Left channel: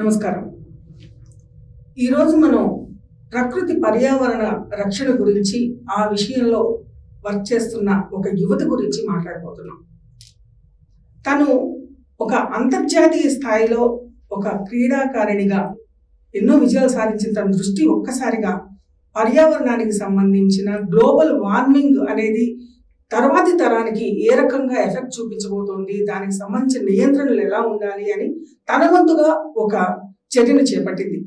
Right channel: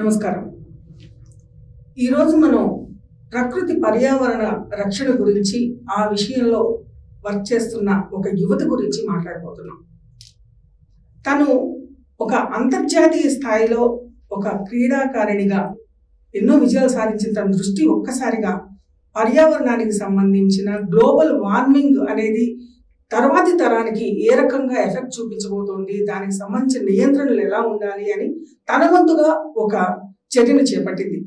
నమస్కారం. ఈరోజు మనం ప్రకృతి పర్యావరణ రక్షణ గురించి, ఆ విషయంలో వర్క్ చేస్తున్న ఒక యువత గురించి మాట్లాడబోతున్నాం. తను ఒక అంతర్జాతీయ స్థాయిలో ఒక క్రీడాకారిణిగా ఎన్నో విజయాలు సాధించిన తన దృష్టి ఒక్కసారిగా పర్యావరణానికి సంబంధించిన గ్లోబల్ వార్మింగ్ అనేది తర్వాతి తరానికి ఏ రకంగా ఎఫెక్ట్ చూపించబోతోంది, దానికి సంబంధించిన నియంత్రణలు ఎలా ఉండాలి అని తన వంతుగా ఒక చర్యను చేపట్టింది.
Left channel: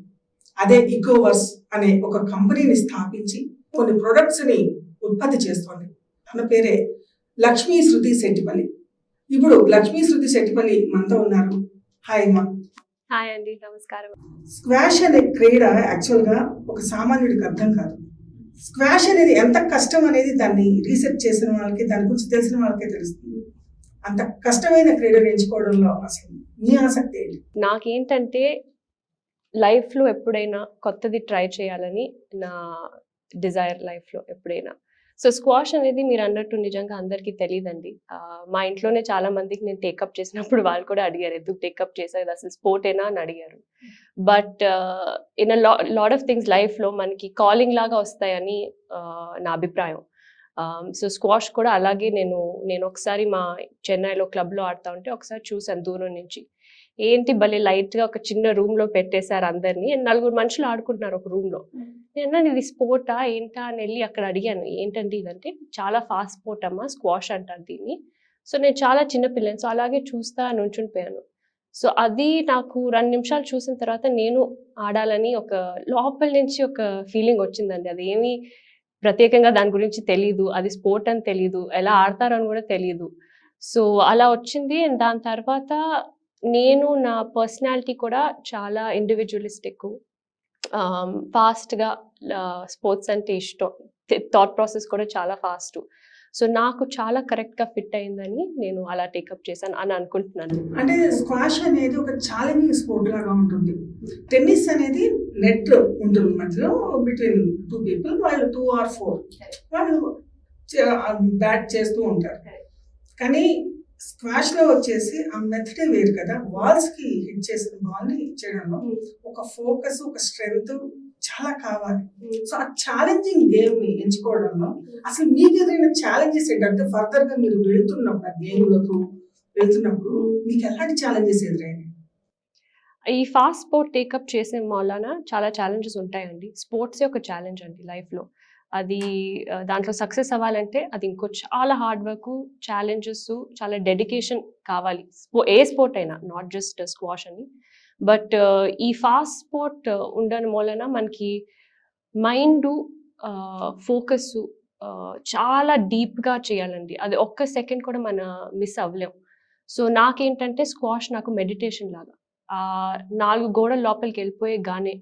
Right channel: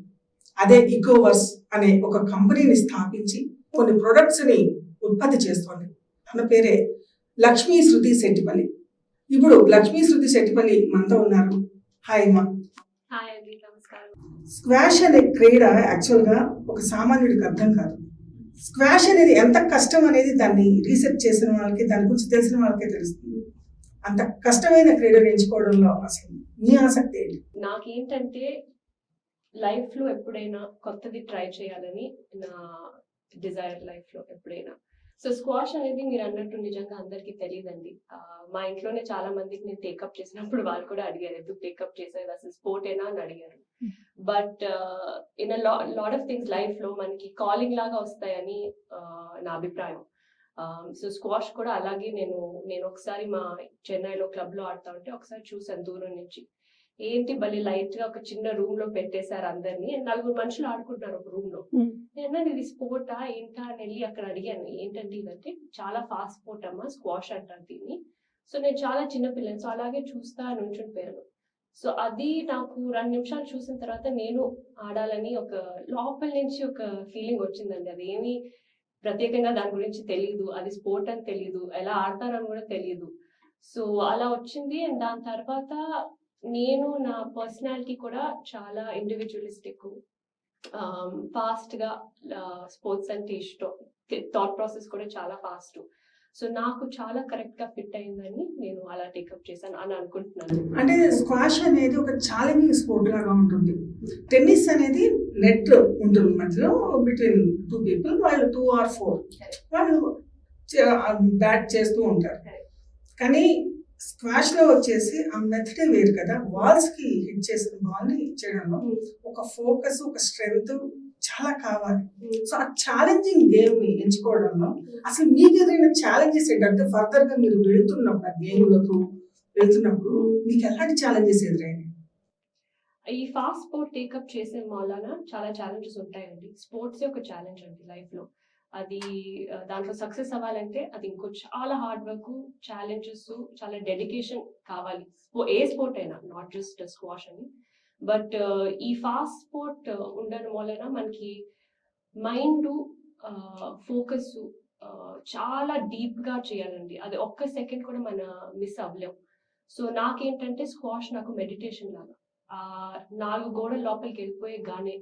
అదే ఇకోవర్స్ అనే ఒక కంపెనీని స్థాపించి కొన్ని ప్రొడక్ట్స్ని ఉత్పత్తి చేస్తోంది. తన పేరే లక్ష్మీ శృతి శెట్టిపల్లి. ఇప్పుడు లక్ష్మీ శృతి శెట్టిపల్లి మనతో ఉన్నారు. హాయ్ అమ్మా. హాయ్ అండి, నమస్కారం. స్క్వాష్ అనే క్రీడ యాక్చువల్గా ఒక సామాన్యుడికి అర్థం కాదు. స్క్వాష్ అనేది ఎంత కష్టం అనేది దాన్ని రీసెర్చ్ చేసిన వాళ్ళకి, దాని గురించి తెలిసిన వాళ్ళకే తెలుస్తుంది. అంత కష్టమైన క్రీడను ఎంచుకోవడంలో అసలు మీ ఆసక్తి ఏంటి? నాకేంటంటే లైఫ్లో ఎప్పుడైనా కొత్తది ట్రై చేయాలని నా డిజైర్ లైఫ్లో ఎప్పుడైనా. సో స్క్వాష్ అనేది మీరు అన్నట్టు నిజంగా అందరికీ తెలియదండి. మా ఇంట్లోనే చాలా మందికి నేను టేకప్ చేసినప్పుడు వాళ్ళు కూడా అడిగారు, ఎందుకు టేకప్ చేసేది, అసలు స్పోర్టేనా అని అడిగారు. But in lot of things లైఫ్లో మనకి కాలింగ్ లాగా వస్తాయని నా అభిప్రాయం. సో స్క్వాష్ కూడా అలాగే నేను ఒకసారి మా చెన్నైలో క్లబ్లో ఆడుతూ ఉంటే ఒకసారి చూసాను దూరం నుంచి. ఏంటి భలే లైట్గా ఒక చిన్న రూమ్లో పెట్టేశారు అందరినీ, 4 మనుషులు ఆడుకుంటున్నారు ఒక రూమ్లో. నేను ఇది స్పోర్టా ఏంటా అని వెళ్ళి అక్కడ అడిగాను, ఏంటంటే ఇదంటే చాలా ఫాస్ట్ స్పోర్ట్ అమ్మా, స్క్వాష్ అంటారు దీన్ని. సో నేను చాలా చిన్న పిల్లని, సో అలాగే చూస్తా నుంచునిపోయాను. సో అది నాకు 2 నిమిషాలు చూసిన తర్వాత నేను ఆడాలని ఒక లోపల నుంచి ఒక ఫీలింగ్ వచ్చిందండి. అదేమి ప్రత్యేకంగా దాని గురించి తెలీదు, అది స్పోర్ట్ అని తెలీదు, ఎలా ఆడతారు అని కూడా తెలీదు. సో అలా వచ్చింది. అండ్ దాని తర్వాత నేను నా పర్సనాలిటీ కూడా చాలా ఇండివిజువలిస్టిక్, ఫాస్ట్గా స్పోర్ట్స్ అంటే ఇష్టం, థాట్ ప్రాసెస్ కూడా చాలా ఫాస్ట్. సో నాకు చాలా కరెక్ట్గా ఫిట్ అయిందని నేను అలా టేకప్ చేశాను అని అనుకుంటున్నాను. అంటే స్క్వాష్ అనేది ఒక ఛాలెంజింగ్ స్పోర్ట్ లాగా ఉంటుంది. టెన్నిస్ అనేది నెట్ ఉంటుంది మధ్యలో, బిట్వీన్ 2 people, వాళ్ళు 2 or 4 వాళ్ళు బ్యాట్ చేస్తూ ఉంటారు. కానీ స్క్వాష్లో వచ్చేసి ఆ మెథడే వేరు కదా. వాల్స్కి హిట్ చేసిన బాల్ని హిట్ చేయడంలో ఒక ఫోకస్, ఒక స్ట్రెంగ్త్ చాలా కావాలి. సో ఆ ఛాలెంజింగ్ గేమ్ని ఎంచుకోవడంలో అసలు మీకు ఎదురైన ఛాలెంజెస్ ఏంటంటే, ఫర్దర్గా మీరు వెళ్తున్నప్పుడు ఆ గేమ్లకు వెళ్తున్నప్పుడు మీకు ఎలాంటి ఛాలెంజెస్ ఎదురైనాయి? ఈ ఫాస్ట్ స్పోర్ట్ టేకప్ చేసే వలన చాలా ఛాలెంజెస్ ఉంటాయండి. స్పోర్ట్సే ఒక ఛాలెంజ్ అండి లైఫ్లో. అది దాంట్లో సక్సెస్ అవ్వాలంటే అది ఇంకో చాలా హార్డ్ వర్క్, ఛాలెంజెస్, చాలా డెడికేషన్ కావాలి. ఏ స్పోర్ట్ అయినా, నాట్ జస్ట్ స్క్వాష్ అని. బట్ ఈ ఫాస్ట్ స్పోర్ట్ ఉండడం వలన మనకి మైండ్ ఫోకస్ చాలా డీప్గా చేయాలండి. అది ఒక్క సెకండ్ కూడా మన మిస్ అవ్వలేం. సో నాకేంటంటే స్క్వాష్ నాకు మెడిటేషన్ లాగా. 4 గోడల లోపలికి వెళ్ళిపోయే గానే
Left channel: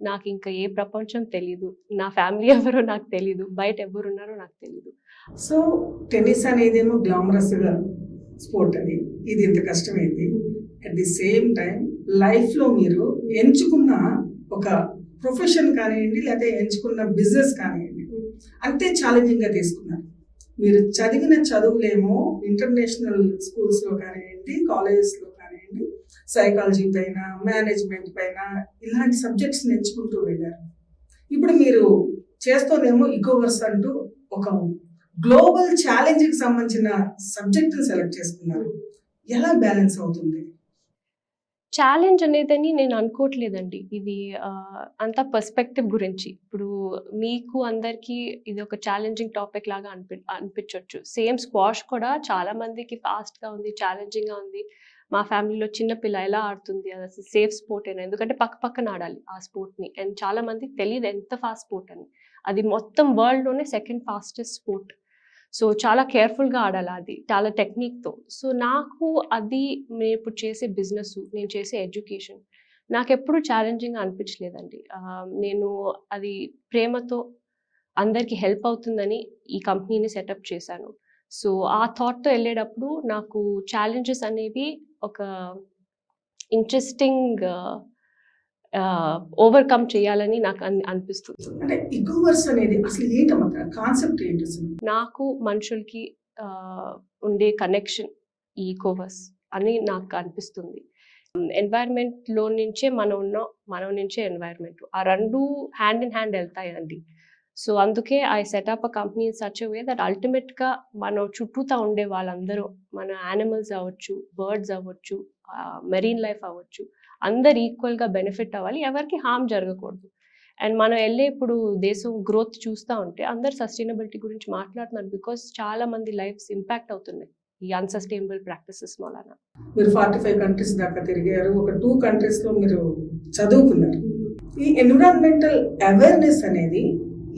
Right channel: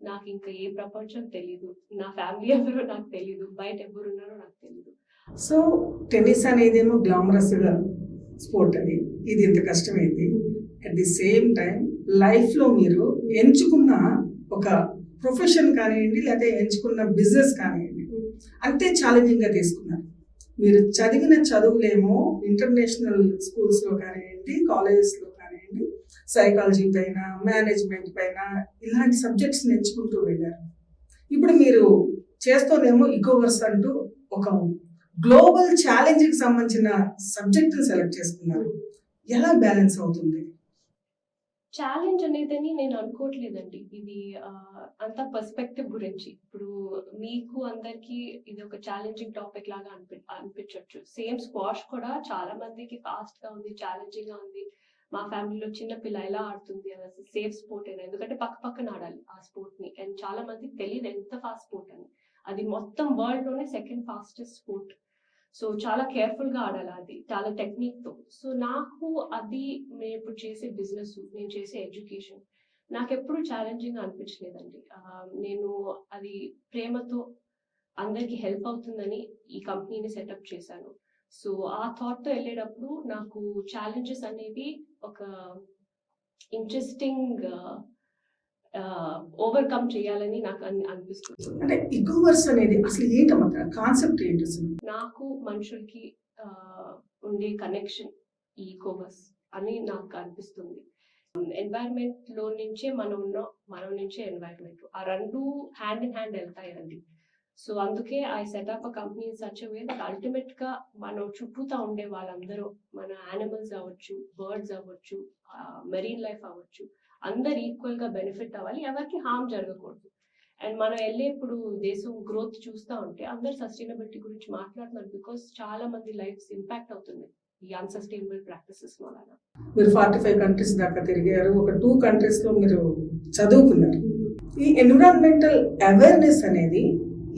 నాకు ఇంకా ఏ ప్రపంచం తెలీదు, నా ఫ్యామిలీ ఎవరో నాకు తెలీదు, బయట ఎవరున్నారో నాకు తెలీదు. సో టెన్నిస్ అనేదేమో గ్లామరస్గా స్పోర్ట్ అని, ఇది ఇంత కష్టమైంది. అట్ ది సేమ్ టైం లైఫ్లో మీరు ఎంచుకున్న ఒక ప్రొఫెషన్ కానివ్వండి, లేకపోతే ఎంచుకున్న బిజినెస్ కానివ్వండి, అంతే ఛాలెంజింగ్గా తీసుకున్నారు. మీరు చదివిన చదువులేమో ఇంటర్నేషనల్ స్కూల్స్లో కానివ్వండి, కాలేజెస్లో కానివ్వండి, సైకాలజీ పైన, మేనేజ్మెంట్ పైన ఇలాంటి సబ్జెక్ట్స్ని ఎంచుకుంటూ వెళ్ళారు. ఇప్పుడు మీరు చేస్తోందేమో ఇకోవర్స్ అంటూ ఒక గ్లోబల్ ఛాలెంజ్కి సంబంధించిన సబ్జెక్ట్ని సెలెక్ట్ చేసుకున్నారు. ఎలా బ్యాలెన్స్ అవుతుంది? ఛాలెంజ్ అనేదని నేను అనుకోవట్లేదండి. ఇది అంత పర్స్పెక్టివ్ గురించి. ఇప్పుడు మీకు అందరికీ ఇది ఒక ఛాలెంజింగ్ టాపిక్ లాగా అనిపించవచ్చు. సేమ్ స్క్వాష్ కూడా చాలా మందికి ఫాస్ట్గా ఉంది, ఛాలెంజింగ్గా ఉంది. మా ఫ్యామిలీలో చిన్న పిల్ల ఎలా ఆడుతుంది, అది అసలు సేఫ్ స్పోర్ట్ అయినా, ఎందుకంటే పక్కన ఆడాలి ఆ స్పోర్ట్ని. అండ్ చాలా మందికి తెలియదు ఎంత ఫాస్ట్ స్పోర్ట్ అని. అది మొత్తం వరల్డ్లోనే 2nd ఫాస్టెస్ట్ స్పోర్ట్. సో చాలా కేర్ఫుల్గా ఆడాలి, అది చాలా టెక్నిక్తో. సో నాకు అది నేను ఇప్పుడు చేసే బిజినెస్, నేను చేసే ఎడ్యుకేషన్ నాకు ఎప్పుడు ఛాలెంజింగ్గా అనిపించలేదండి. నేను అది ప్రేమతో అందరికీ హెల్ప్ అవుతుందని ఈ కంపెనీని సెటప్ చేశాను. సో ఆ థాట్తో వెళ్ళేటప్పుడు నాకు ఛాలెంజెస్ అనేవి ఒక ఇంట్రెస్టింగ్ ఓవర్కమ్ చేయాలని నాకు అనిపిస్తుంది. అంటే ఇకోవర్స్ అనేది అసలు ఏంటన్నమాట, కాన్సెప్ట్ ఏంటి అసలు? నాకు మనుషులకి ఉండే కనెక్షన్ ఈ ఇకోవర్స్ అని నాకు అనిపిస్తుంది. ఎన్వైర్న్మెంట్లో నుంచే మనం ఉన్నాం, మనం నుంచే ఎన్వైర్న్మెంట్, ఆ రెండు హ్యాండ్ ఇన్ హ్యాండ్ వెళ్తాయండి. సో అందుకే I setup a company in such a way that అల్టిమేట్గా మన చుట్టూతా ఉండే వాళ్ళందరూ, మన యానిమల్స్ అవ్వచ్చు, బర్డ్స్ అవ్వచ్చు, మెరీన్ లైఫ్ అవ్వచ్చు, అందరు ఈక్వల్గా బెనిఫిట్ అవ్వాలి, ఎవరికి హామ్ జరగకూడదు. అండ్ మనం వెళ్ళే ఇప్పుడు దేశం గ్రోత్ చూస్తూ ఉంటే అందరు సస్టైనబిలిటీ గురించి మాట్లాడుతున్నారు, బికాస్ చాలా మంది లైఫ్స్ ఇంపాక్ట్ అవుతున్నాయి ఈ అన్సస్టైనబుల్ ప్రాక్టీసెస్ మూలన. మీరు 45 కంట్రీస్ దాకా తిరిగారు, ఒక 2 కంట్రీస్లో మీరు చదువుకున్నారు. ఈ ఎన్విరాన్మెంటల్ అవేర్నెస్ అనేది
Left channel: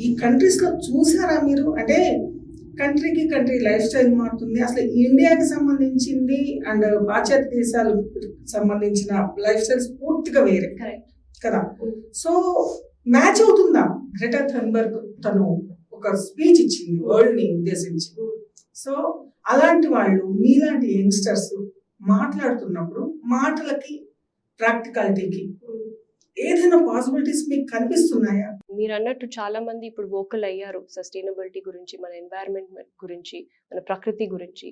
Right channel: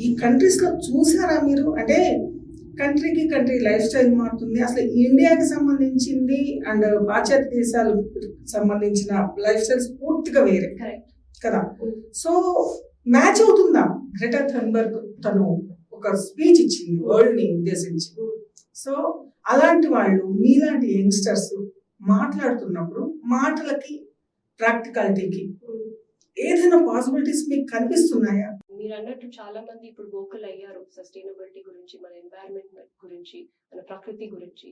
ఈ కంట్రీస్లో చూసారా మీరు? అంటే కంట్రీకి కంట్రీ లైఫ్ స్టైల్ మారుతుంది. అసలు ఇండియాకి సంబంధించింది అండ్ పాశ్చాత్య దేశాలకు సంబంధించిన లైఫ్ స్టైల్స్ పూర్తిగా వేరే కదా. సో మ్యాచ్ అవుతుందా? గ్రెటా థన్బర్గ్ తను ఒక స్పీచ్ ఇచ్చింది వరల్డ్ని ఉద్దేశించి. సో అలాంటి వాళ్ళు మీలాంటి యంగ్స్టర్స్ మాట్లాడుతున్నప్పుడు మాటలకి ప్రాక్టికాలిటీకి ఏదైనా పాసిబిలిటీస్ మీకు కనిపిస్తున్నాయా? మీరు అన్నట్టు చాలా మంది ఇప్పుడు వోకల్ అయ్యారు సస్టైనబిలిటీ గురించి, మన ఎన్వైరన్మెంట్ గురించి, మన ప్రకృతి గురించి.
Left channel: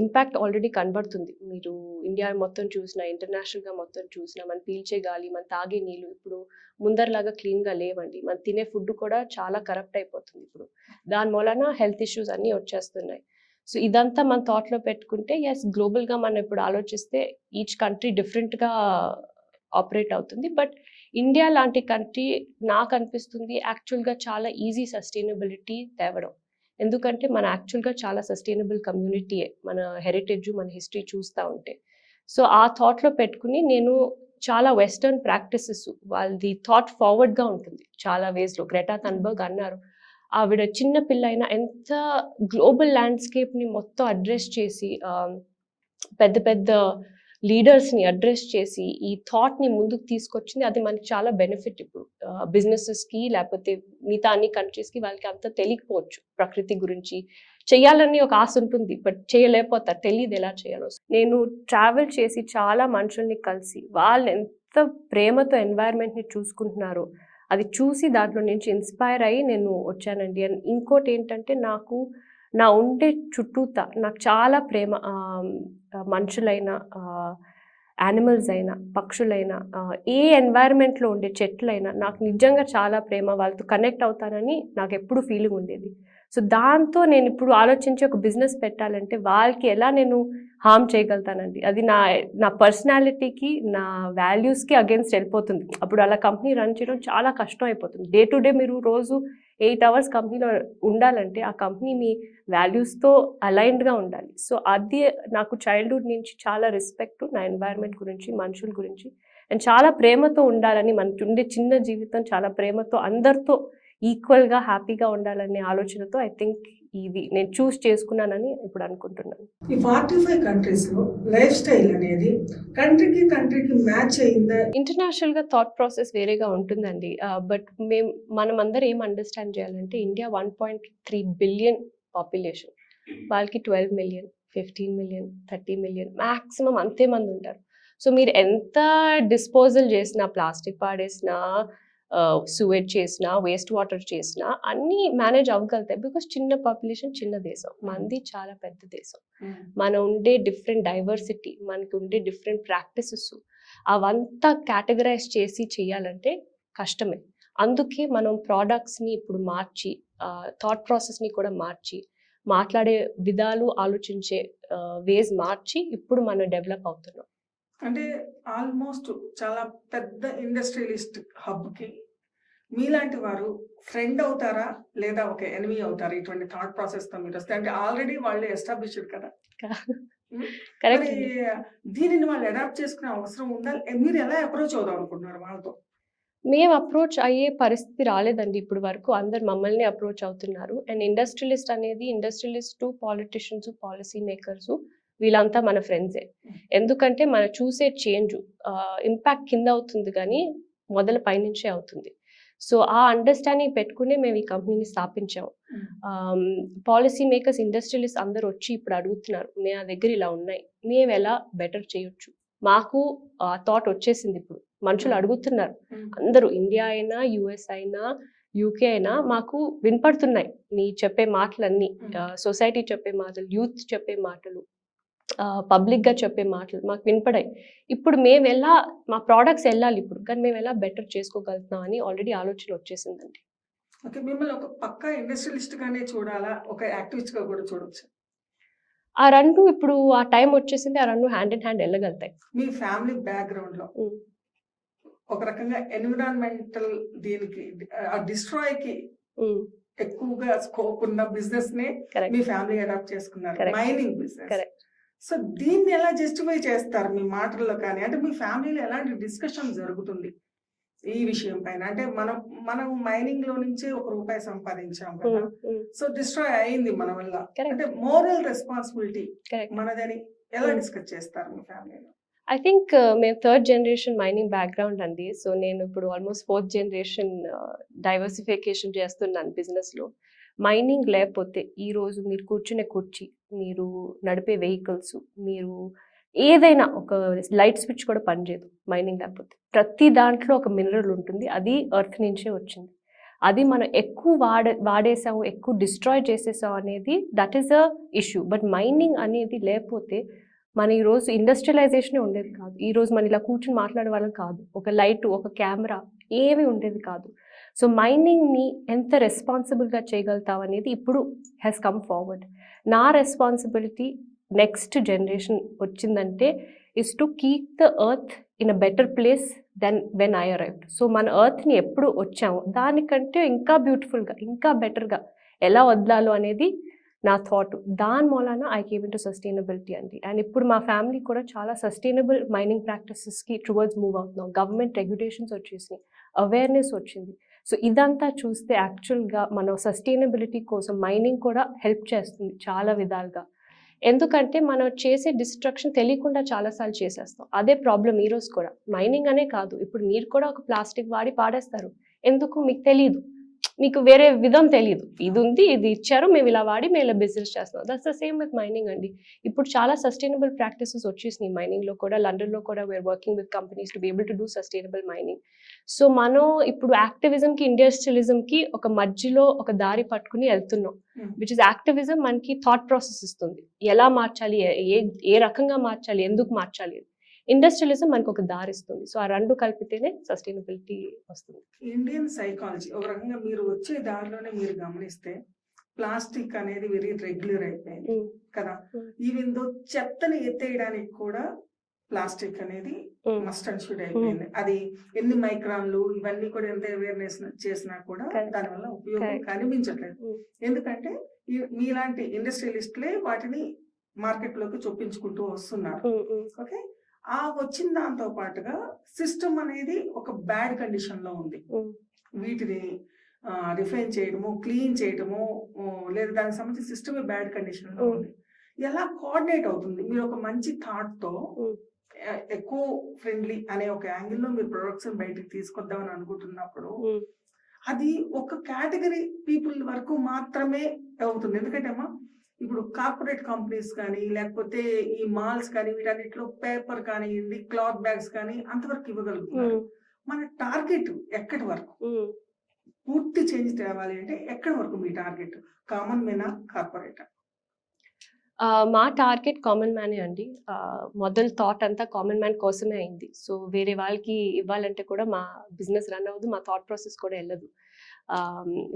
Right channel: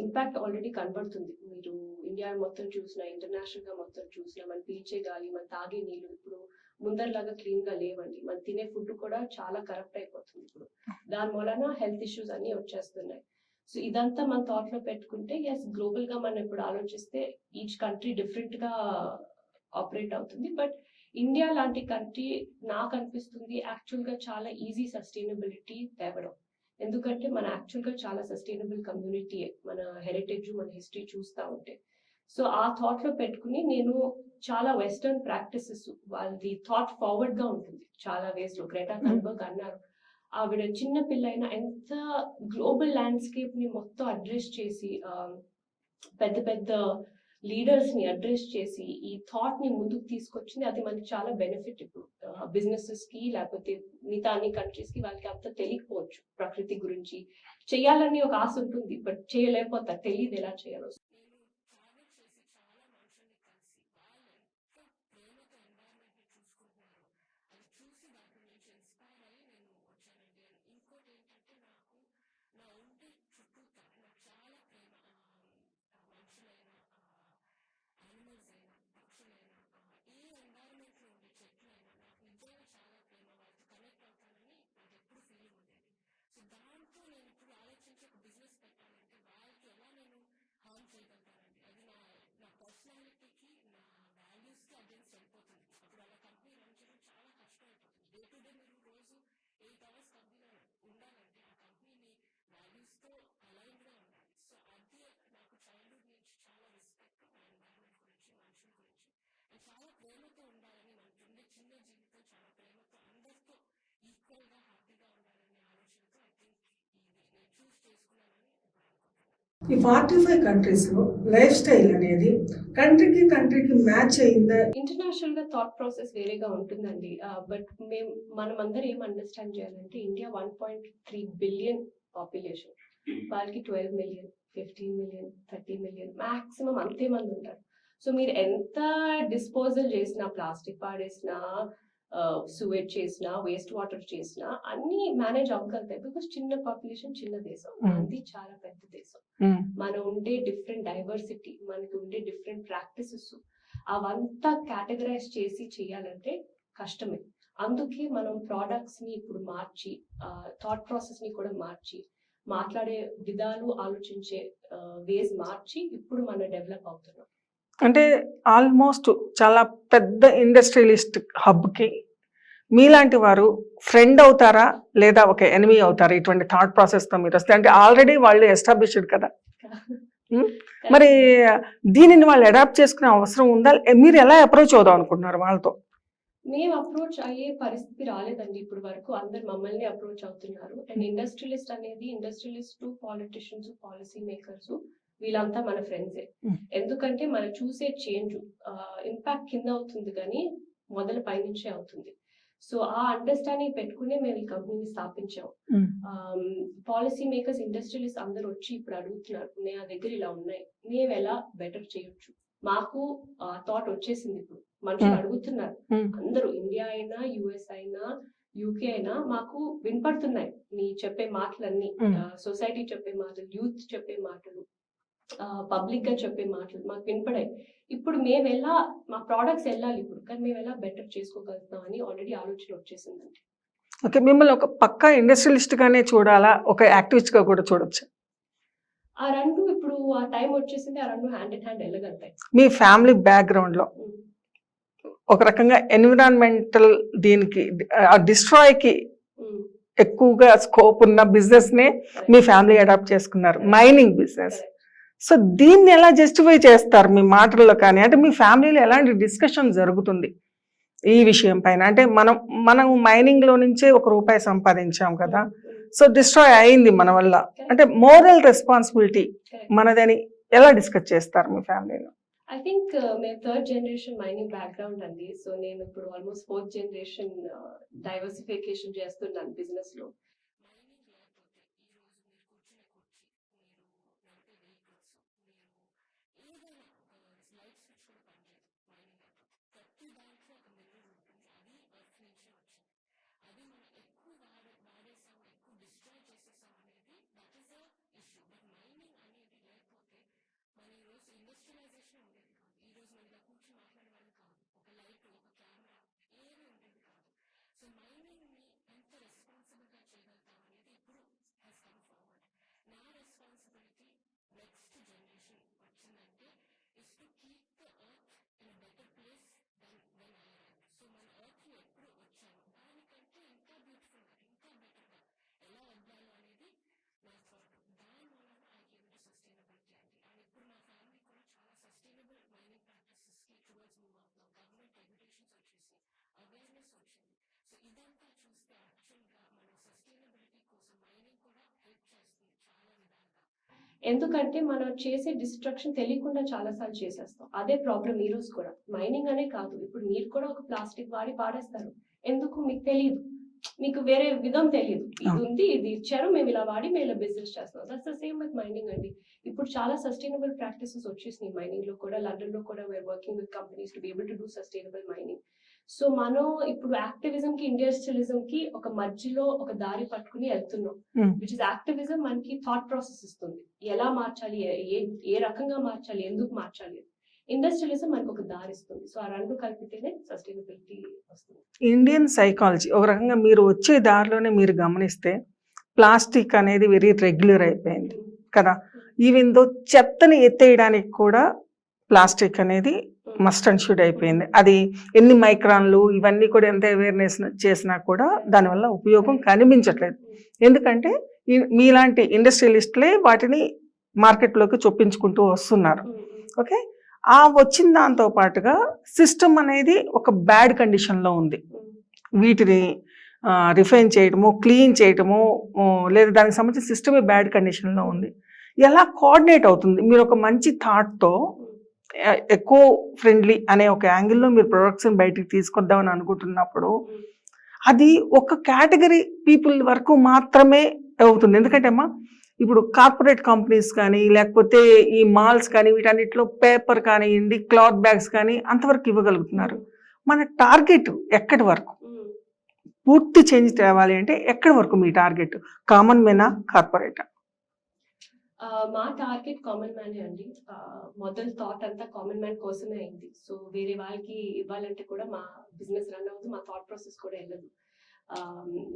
ఇంపాక్ట్ ఆల్రెడీ కనబడుతుంది. మీరు ఇండియా మొత్తం చూసినా, ఇంటర్నేషనల్గా మొత్తం చూసినా, మనం పీల్చే గాలి, మన తాగే నీళ్ళు ఇప్పుడు ముందరలాగా క్లీన్గా లేవండి. మనం తినే ఫుడ్ కూడా చాలా కరప్ట్ అయిపోతుంది ఇప్పుడు. దాని మూలన హెల్త్ ఇష్యూస్ అన్నీ వచ్చేస్తున్నాయి. సో ఇదంతా మన థాట్లో పెట్టుకుంటే ఎస్, గ్లోబల్గా మనం ఇప్పుడు ఆలోచిస్తే ఈచ్ కంట్రీ డిఫరెంట్గా ఆపరేట్ అవుతుంది. బట్ ఇండియా లాంటి కంట్రీ నాకు అనిపిస్తుంది యాక్చువల్గా చాలా ఈజీ సస్టైనబిలిటీ తేవడం. ఎందుకంటే మన యాక్చువల్గా చాలా సస్టైనబుల్ కమ్యూనిటీయే, మన హెరిటేజ్, మన హిస్టరీ చూస్తూ ఉంటే. సో ఆ థాట్లో పెట్టుకుని నేను చాలా వెస్టర్న్ ప్రాక్టీసెస్, వాళ్ళది థాట్ ఫార్వర్డ్గా ఉంటుంది చాలా వేస్లో. గ్రెటా థన్బర్గ్ అన్నారు, ఆవిడ చిన్న పిల్ల అయినా ఎంత గ్లోబల్ ల్యాండ్స్కేప్ని మొత్తం అడ్రస్ చేసి, పెద్ద పెద్ద లీడర్స్ని అడ్రస్ చేసి ఈ థాట్ని ముందుకు తీసుకొచ్చింది. అది మనకి చాలా బెనిఫిట్ ఇప్పుడు బిజినెసెస్కి, లేకపోతే మిగతా అన్ని కంట్రీస్కి. వాళ్ళకి అంత తెలియకపోవచ్చు ప్రకృతి గురించి. చేయాలని ఒక ఆశ ఉంటుంది, బట్ చేయలేకపోతారు, తెలియదు ఎలా చేయాలో. నేను ట్రావెల్ చేసి చాలా మనుషుల్ని కలిసి వాళ్ళు ఎంత ప్రేమతో ఎన్వైర్న్మెంట్ని చూసుకుంటున్నారో అది చూసి దాంట్లో నుంచి ఇన్స్పైర్ అయ్యి నేను వచ్చానండి. అండ్ ఇంకోటి ఏంటంటే, నాకు నా ఉండే చుట్టూతా నాకు చాలా ప్రేమ, మనుషులైనా, యానిమల్స్ అయినా, పక్షులైనా, ఏ ఎన్వైర్న్మెంట్లో ఉండే చెట్లైనా నాకు నిజంగా చాలా ప్రేమ, వాళ్ళతో కనెక్ట్ అవుతానని నాకు ఎప్పుడు ఫీలింగ్ ఉండేది. సో దాంతో నేను ఇప్పుడు ఆలోచించి ఒక బిజినెస్ పెట్టాలంటే వాళ్ళకి ఎలా నేను హార్మ్ చేయగలుగుతానండి. అది నా పర్సనాలిటీకి, నా వాల్యూస్కి అగేన్స్ట్ వెళ్ళిపోతుంది. అప్పుడు అలా కంపెనీ రన్ చేయడం చాలా కష్టం అయిపోతుంది. డే టు డే మీరు రోజు 8 hours కంపెనీలో ఉండాలంటే ఆ కంపెనీ మీ వాల్యూస్తో అలైన్డ్గా ఉండాలి. సో అది నాకు చైల్డ్హుడ్ నుంచి చాలా రెస్పెక్ట్ నా ఎన్వైర్న్మెంట్ గురించి, మనుషుల గురించి, అండ్ చాలా ప్రేమతో ఉండాలని, మనకి ఉండే చిన్న జీవితం చాలా ప్రేమతో అందరితో ఈక్వల్గా హ్యాపీగా ఉండాలనే ఆలోచనతో ఐ థింక్ ఇది నేను చూస్ చేసుకున్నానని ఇప్పుడు అనుకుంటున్నాను. ఈ 45 కంట్రీస్లో లైఫ్ స్టైల్ అనేది కంట్రీకి కంట్రీకి మ్యాచ్ అయిందా? ఇంటర్నేషనల్గా థాట్ ప్రాసెస్ వేరేగా ఉంటుందండి. బట్ మనం అందరూ ఏం అండర్స్టాండ్ చేయాలంటే, ఇండియా 1.3 billion పాపులేషన్, వాళ్ళకి 12 million, 15 million, 30 million మ్యాక్సిమం అంతే మంది ఉంటారు. సో మీరు ఎంత డిస్పోజల్ చేసినా, ప్లాస్టిక్ పాడేసినా, సువేజ్ చేసినా, వేస్ట్ వాటర్ చేసినా అన్నీ మేనేజ్ అవ్వగలుగుతాయి. బికాస్ చిన్న పాపులేషన్, చిన్న దేశం, మనది చాలా పెద్ద దేశం. మనం ఉండే డిఫరెంట్ డైవర్సిటీ, మనకి ఉండే డిఫరెంట్ ప్రాక్టీసెస్, అవంతా కేటగరైజ్ చేసి చేయాలంటే కష్టమే. అందుకే మనం ప్రోడక్ట్స్ని ఇప్పుడు మార్చి, థాట్ ప్రాసెస్ని కూడా మార్చి, మాట్లాడే విధాలు, ఆలోచించే వేస్ మార్చి ఇప్పుడు మనం డెవలప్ అవుతున్నాం. అంటే ఆల్మోస్ట్ చాలా పెద్ద ఇండస్ట్రియలిస్ట్ హబ్కి మీలాంటి వారు ఫ్రెండ్ అవుతారా లేదా ఒక ఎనిమీ అవుతారా ఇటువంటి థాట్ ప్రాసెస్తో మీరు వస్తే? అంటే ఆల్రెడీ వాళ్ళు ఎస్టాబ్లిష్డ్ కదా, మరి దీనిని వాళ్ళు అడాప్ట్ చేసుకునే అవసరం ఉందా? మీరు ఎలా అప్రోచ్ అవుదాం అనుకుంటున్నారు వాళ్ళతో? మేము అప్రోచ్ అయ్యే పరిస్థితి రాలేదండి ఇప్పుడు వరకు. అందరు మమ్మల్ని అప్రోచ్ అవుతున్నారు. అండ్ ఇండస్ట్రియలిస్ట్ అనేది, ఇండస్ట్రియలిస్ట్, పాలిటిషియన్స్, పాలసీ మేకర్స్, వీళ్ళంతా మన ఫ్రెండ్సే. ఎందుకంటే మనం చూసే చేంజ్ ఇంపాక్ట్ కింద అవుతుంది కానీ మొదల పైనుంచే అవుతుంది. సో ఆ అండర్స్టాండింగ్ పెట్టుకునే మేము ఈ కంపెనీని స్థాపించాము. పాలసీ మేకర్స్, ఇండస్ట్రియలిస్ట్ అందరూ వచ్చి ఇప్పుడు అడుగుతున్నారు, మా దగ్గర ఇలా ఉన్నాయి, మేము ఎలా బెటర్ చేయొచ్చు. మాకు థాట్ వచ్చేసింది. ఇప్పుడు మనుషులు అడుగుతున్నారు, అందరూ, ఇండియా అయినా, యుఎస్ అయినా, యూకే అయినా, మాకు వినపడుతున్నాయి మీ చెప్పే మాటలన్నీ, సొసైటీ చెప్పే మాటలు, యూత్ చెప్పే మాటలు, పబ్లిక్గా చెప్పే మాటలు మాకు వినపడాయి. ఇప్పుడు మేము ఎలా మా ప్రోడక్ట్స్ వెళ్ళాలి ఇప్పుడు, కానీ మేము ఎలా బెటర్ చేసుకోగలుగుతున్నాం అని ఆల్రెడీ ఆలోచన వచ్చేసిందండి. ఓకే, మిమ్మల్ని ఒక పక్కా ఇండస్ట్రియలిస్ట్గానే చూడాలా, ఒక యాక్టివిస్ట్గా కూడా చూడొచ్చు? ఆ రెండు ఇప్పుడు ఆ టైం వచ్చేసింది, ఆ రెండు హ్యాండ్ ఇన్ హ్యాండ్ వెళ్ళగలుగుతాయి. మీ ఫ్యామిలీ బ్యాక్గ్రౌండ్లో ఒక రకంగా ఎన్విరాన్మెంటల్ దీనికి డిస్ట్రాయ్కి ఎక్కువగా స్కోప్ ఉన్న బిజినెస్ నే మీ ఫ్యామిలీ అడాప్ట్ చేసుకున్నారు, మైనింగ్ బిజినెస్. సో దీన్ని ఎలా జస్టిఫై చేస్తారు మీ మాటల్లో కానీ? అంటే మీ ఫ్యామిలీలో ఎలాంటి డిస్కషన్ జరుగుతుంది ఈ విషయం పైన? అంటే మనం మైనింగ్ లో నుంచే ₹1 సంపాదించాం కదా, సో డిస్ట్రాయ్ అయింది మన వల్ల, అంటే మోరల్ రెస్పాన్సిబిలిటీ మనదని ఎలా డిస్కస్ చేస్తారు మీ ఫ్యామిలీలో? ఐ థింక్ మేము 3rd జనరేషన్ మైనింగ్ బ్యాక్గ్రౌండ్ అండి. సో నేను ఇప్పుడు ఆల్మోస్ట్ 4th జనరేషన్ డైవర్సిఫికేషన్ చేస్తున్నాను బిజినెస్లో. మైనింగ్ లేకపోతే ఈరోజు మీరు కూర్చునే కుర్చీ, మీరు నడిపే వెహికల్స్, మీరు ఏదైనా ఒక లైట్ స్విచ్ కూడా పనిచేయదు మైనింగ్ లేకపోతే. ప్రతి దాంట్లో ఒక మినరల్ ఉంటుంది, అది ఎర్త్ నుంచే వచ్చింది. అది మనం ఎక్కువ వాడేసాము, ఎక్కువ డిస్ట్రాయ్ చేసేసాం అనేది that is a issue. But mining అనేది లేకపోతే మన ఈరోజు ఇండస్ట్రియలైజేషనే ఉండేది కాదు. ఈరోజు మనం ఇలా కూర్చుని మాట్లాడే వాళ్ళం కాదు, ఒక లైట్, ఒక కెమెరా ఏమీ ఉండేది కాదు. సో మైనింగ్ని ఎంత రెస్పాన్సిబుల్గా చేయగలుగుతాం అనేది ఇప్పుడు హ్యాస్ కమ్ ఫార్వర్డ్. నా రెస్పాన్సిబిలిటీ నెక్స్ట్ జనరేషన్ వచ్చిందంటే is to keep the earth in a better place then when I arrived. So మన ఎర్త్ని ఎప్పుడు వచ్చామో దానికంటే ఇంకా బ్యూటిఫుల్గా, ఇంకా బెటర్గా ఎలా వదలాలో అనేది నా థాట్. దాని మూలాన I came in to sustainability అండి. అండ్ ఇప్పుడు మా ఫ్యామిలీ కూడా చాలా సస్టైనబుల్ మైనింగ్ ప్రాక్టీసెస్కి టువర్డ్స్ మూవ్ అవుతున్నాం. గవర్నమెంట్ రెగ్యులేషన్స్ వచ్చేసినాయి, అవేర్నెస్ వచ్చింది. సో ఇదంతా చూస్తే యాక్చువల్గా మన సస్టైనబిలిటీ కోసం మైనింగ్ కూడా హెల్ప్ చేస్తుంది చాలా విధాలుగా. ఎందుకంటే మనం చేసే డిస్ట్రక్షన్ తెలియకుండా చాలాసార్లు చేసేస్తాం. అదే ప్రాబ్లం ఈరోజు కూడా. మైనింగ్ అనే కాదు, ఇప్పుడు మీరు కూడా ఒక ప్లాస్టిక్ వాడి పాడేస్తారు, ఎందుకు మీకు తెలియదు, మీకు వేరే విధం తెలియదు. ఇది ఉంది, ఇది ఇచ్చారు, మేము ఇలా వాడి మేము ఇలా బిజినెస్ చేస్తున్నాం. That's the same with mining అండి. ఇప్పుడు చాలా సస్టైనబుల్ ప్రాక్టీసెస్ వచ్చేసినాయి మైనింగ్లో కూడా. లండన్లో కూడా we're working with companies to be able to do sustainable mining. So మనం ఇప్పుడు యాక్టివిజంకి ఇండస్ట్రియలిజంకి ఒక మధ్యలో ఒక దారి పట్టుకుని వెళ్తున్నాం. విచ్ ఇస్ యాక్టివిజం మనకి థాట్ ప్రాసెస్ ఇస్తుంది, ఎలా మార్చాలి, ఏ రకంగా మార్చాలి, ఎందుకు మార్చాలి. ఇండస్ట్రియలిజం మనకు ఒక దారి ఇస్తుంది. సో ఆ రెండు కలిపితేనే సస్టైనబిలిటీ వస్తుంది. ఇండియన్ సైకాలజీ ఒక రకంగా మీరు వచ్చే దారిలోనే మీరు గమనిస్తే ప్లాస్టిక్ అనేది వెరీ రెగ్యులర్ అయిపోయింది కదా. ఈవెన్ దో చెత్తని ఎత్తేయడానికి కూడా ప్లాస్టిక్ అనేది మస్ట్ అండ్ షుడ్ అయిపోయింది. అది ఎన్ని మైక్రాన్లు ఇవన్నీ కూడా ఎంత అవేర్నెస్ చేసినా కూడా దానివల్ల ఉపయోగం కనిపించట్లేదు. ఎందుకంటే మీలాంటి ఇండస్ట్రియలిస్టులే వాటిని మార్కెట్లోకి చొప్పించుకుంటూ వస్తున్నారు. ఓకే, ఆ వచ్చిన దాంతో పాటుగా సిస్టమ్ అనేది ఒక బ్యాడ్ కండిషన్లో ఉంది. వీటిని రిఫైన్ చేయటము, క్లీన్ చేయటము, లేదా దానికి సంబంధించిన సిస్టమే బ్యాడ్ కండిషన్లో ఉంది. ఎలా కోఆర్డినేట్ అవుతుంది? మీరు ఒక మంచి థాట్తో ఎకో ఫ్రెండ్లీ అనే ఒక యాంగిల్లో మీరు ప్రొడక్ట్స్ని బయటికి తీసుకొద్దామని అనుకుంటున్నప్పుడు అది ఒక కేటగిరీ పీపుల్ వరకు మాత్రమే అవుతుంది. ఎందుకంటే అమ్మా ఇప్పుడు కార్పొరేట్ కంపెనీస్ కానీ లేకపోతే ఈ మాల్స్ కానీ వీటన్నిటిలో పేపర్ కానివ్వండి, క్లాత్ బ్యాగ్స్ కానీ అంతవరకు ఇవ్వగలుగుతున్నారు. మన టార్గెట్ ఎక్కడి వరకు? పూర్తి చేంజ్ తేవాలి అంటే ఎక్కడి వరకు మీ టార్గెట్? కామన్ మ్యానా, కార్పొరేటా? మా టార్గెట్ కామన్ మ్యానే అండి. మొదలు థాట్ అంతా కామన్ మ్యాన్ కోసమే అయింది. సో వేరే వాళ్ళకి ఇవ్వాలంటే కూడా మా బిజినెస్ రన్ అవ్వదు, మా థాట్ ప్రాసెస్ కూడా వెళ్ళదు.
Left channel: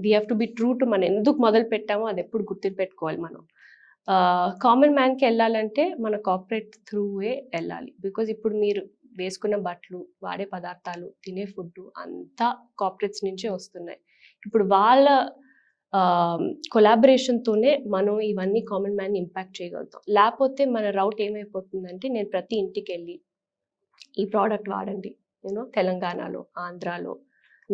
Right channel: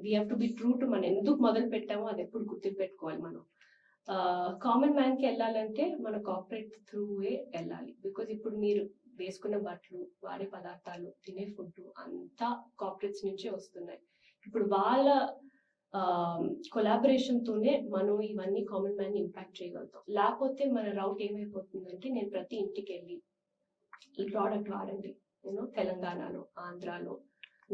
We have to be true to మనం ఎందుకు మొదలు పెట్టామో అది ఎప్పుడు గుర్తు పెట్టుకోవాలి. మనం కామన్ మ్యాన్కి వెళ్ళాలంటే మన కార్పొరేట్ త్రూవే వెళ్ళాలి. బికాజ్ ఇప్పుడు మీరు వేసుకున్న బట్టలు, వాడే పదార్థాలు, తినే ఫుడ్ అంతా కార్పొరేట్స్ నుంచే వస్తున్నాయి. ఇప్పుడు వాళ్ళ కొలాబరేషన్తోనే మనం ఇవన్నీ కామన్ మ్యాన్ ఇంపాక్ట్ చేయగలుగుతాం. లేకపోతే మన రౌట్ ఏమైపోతుందంటే నేను ప్రతి ఇంటికి వెళ్ళి ఈ ప్రోడక్ట్ వాడండి, నేను తెలంగాణలో, ఆంధ్రాలో,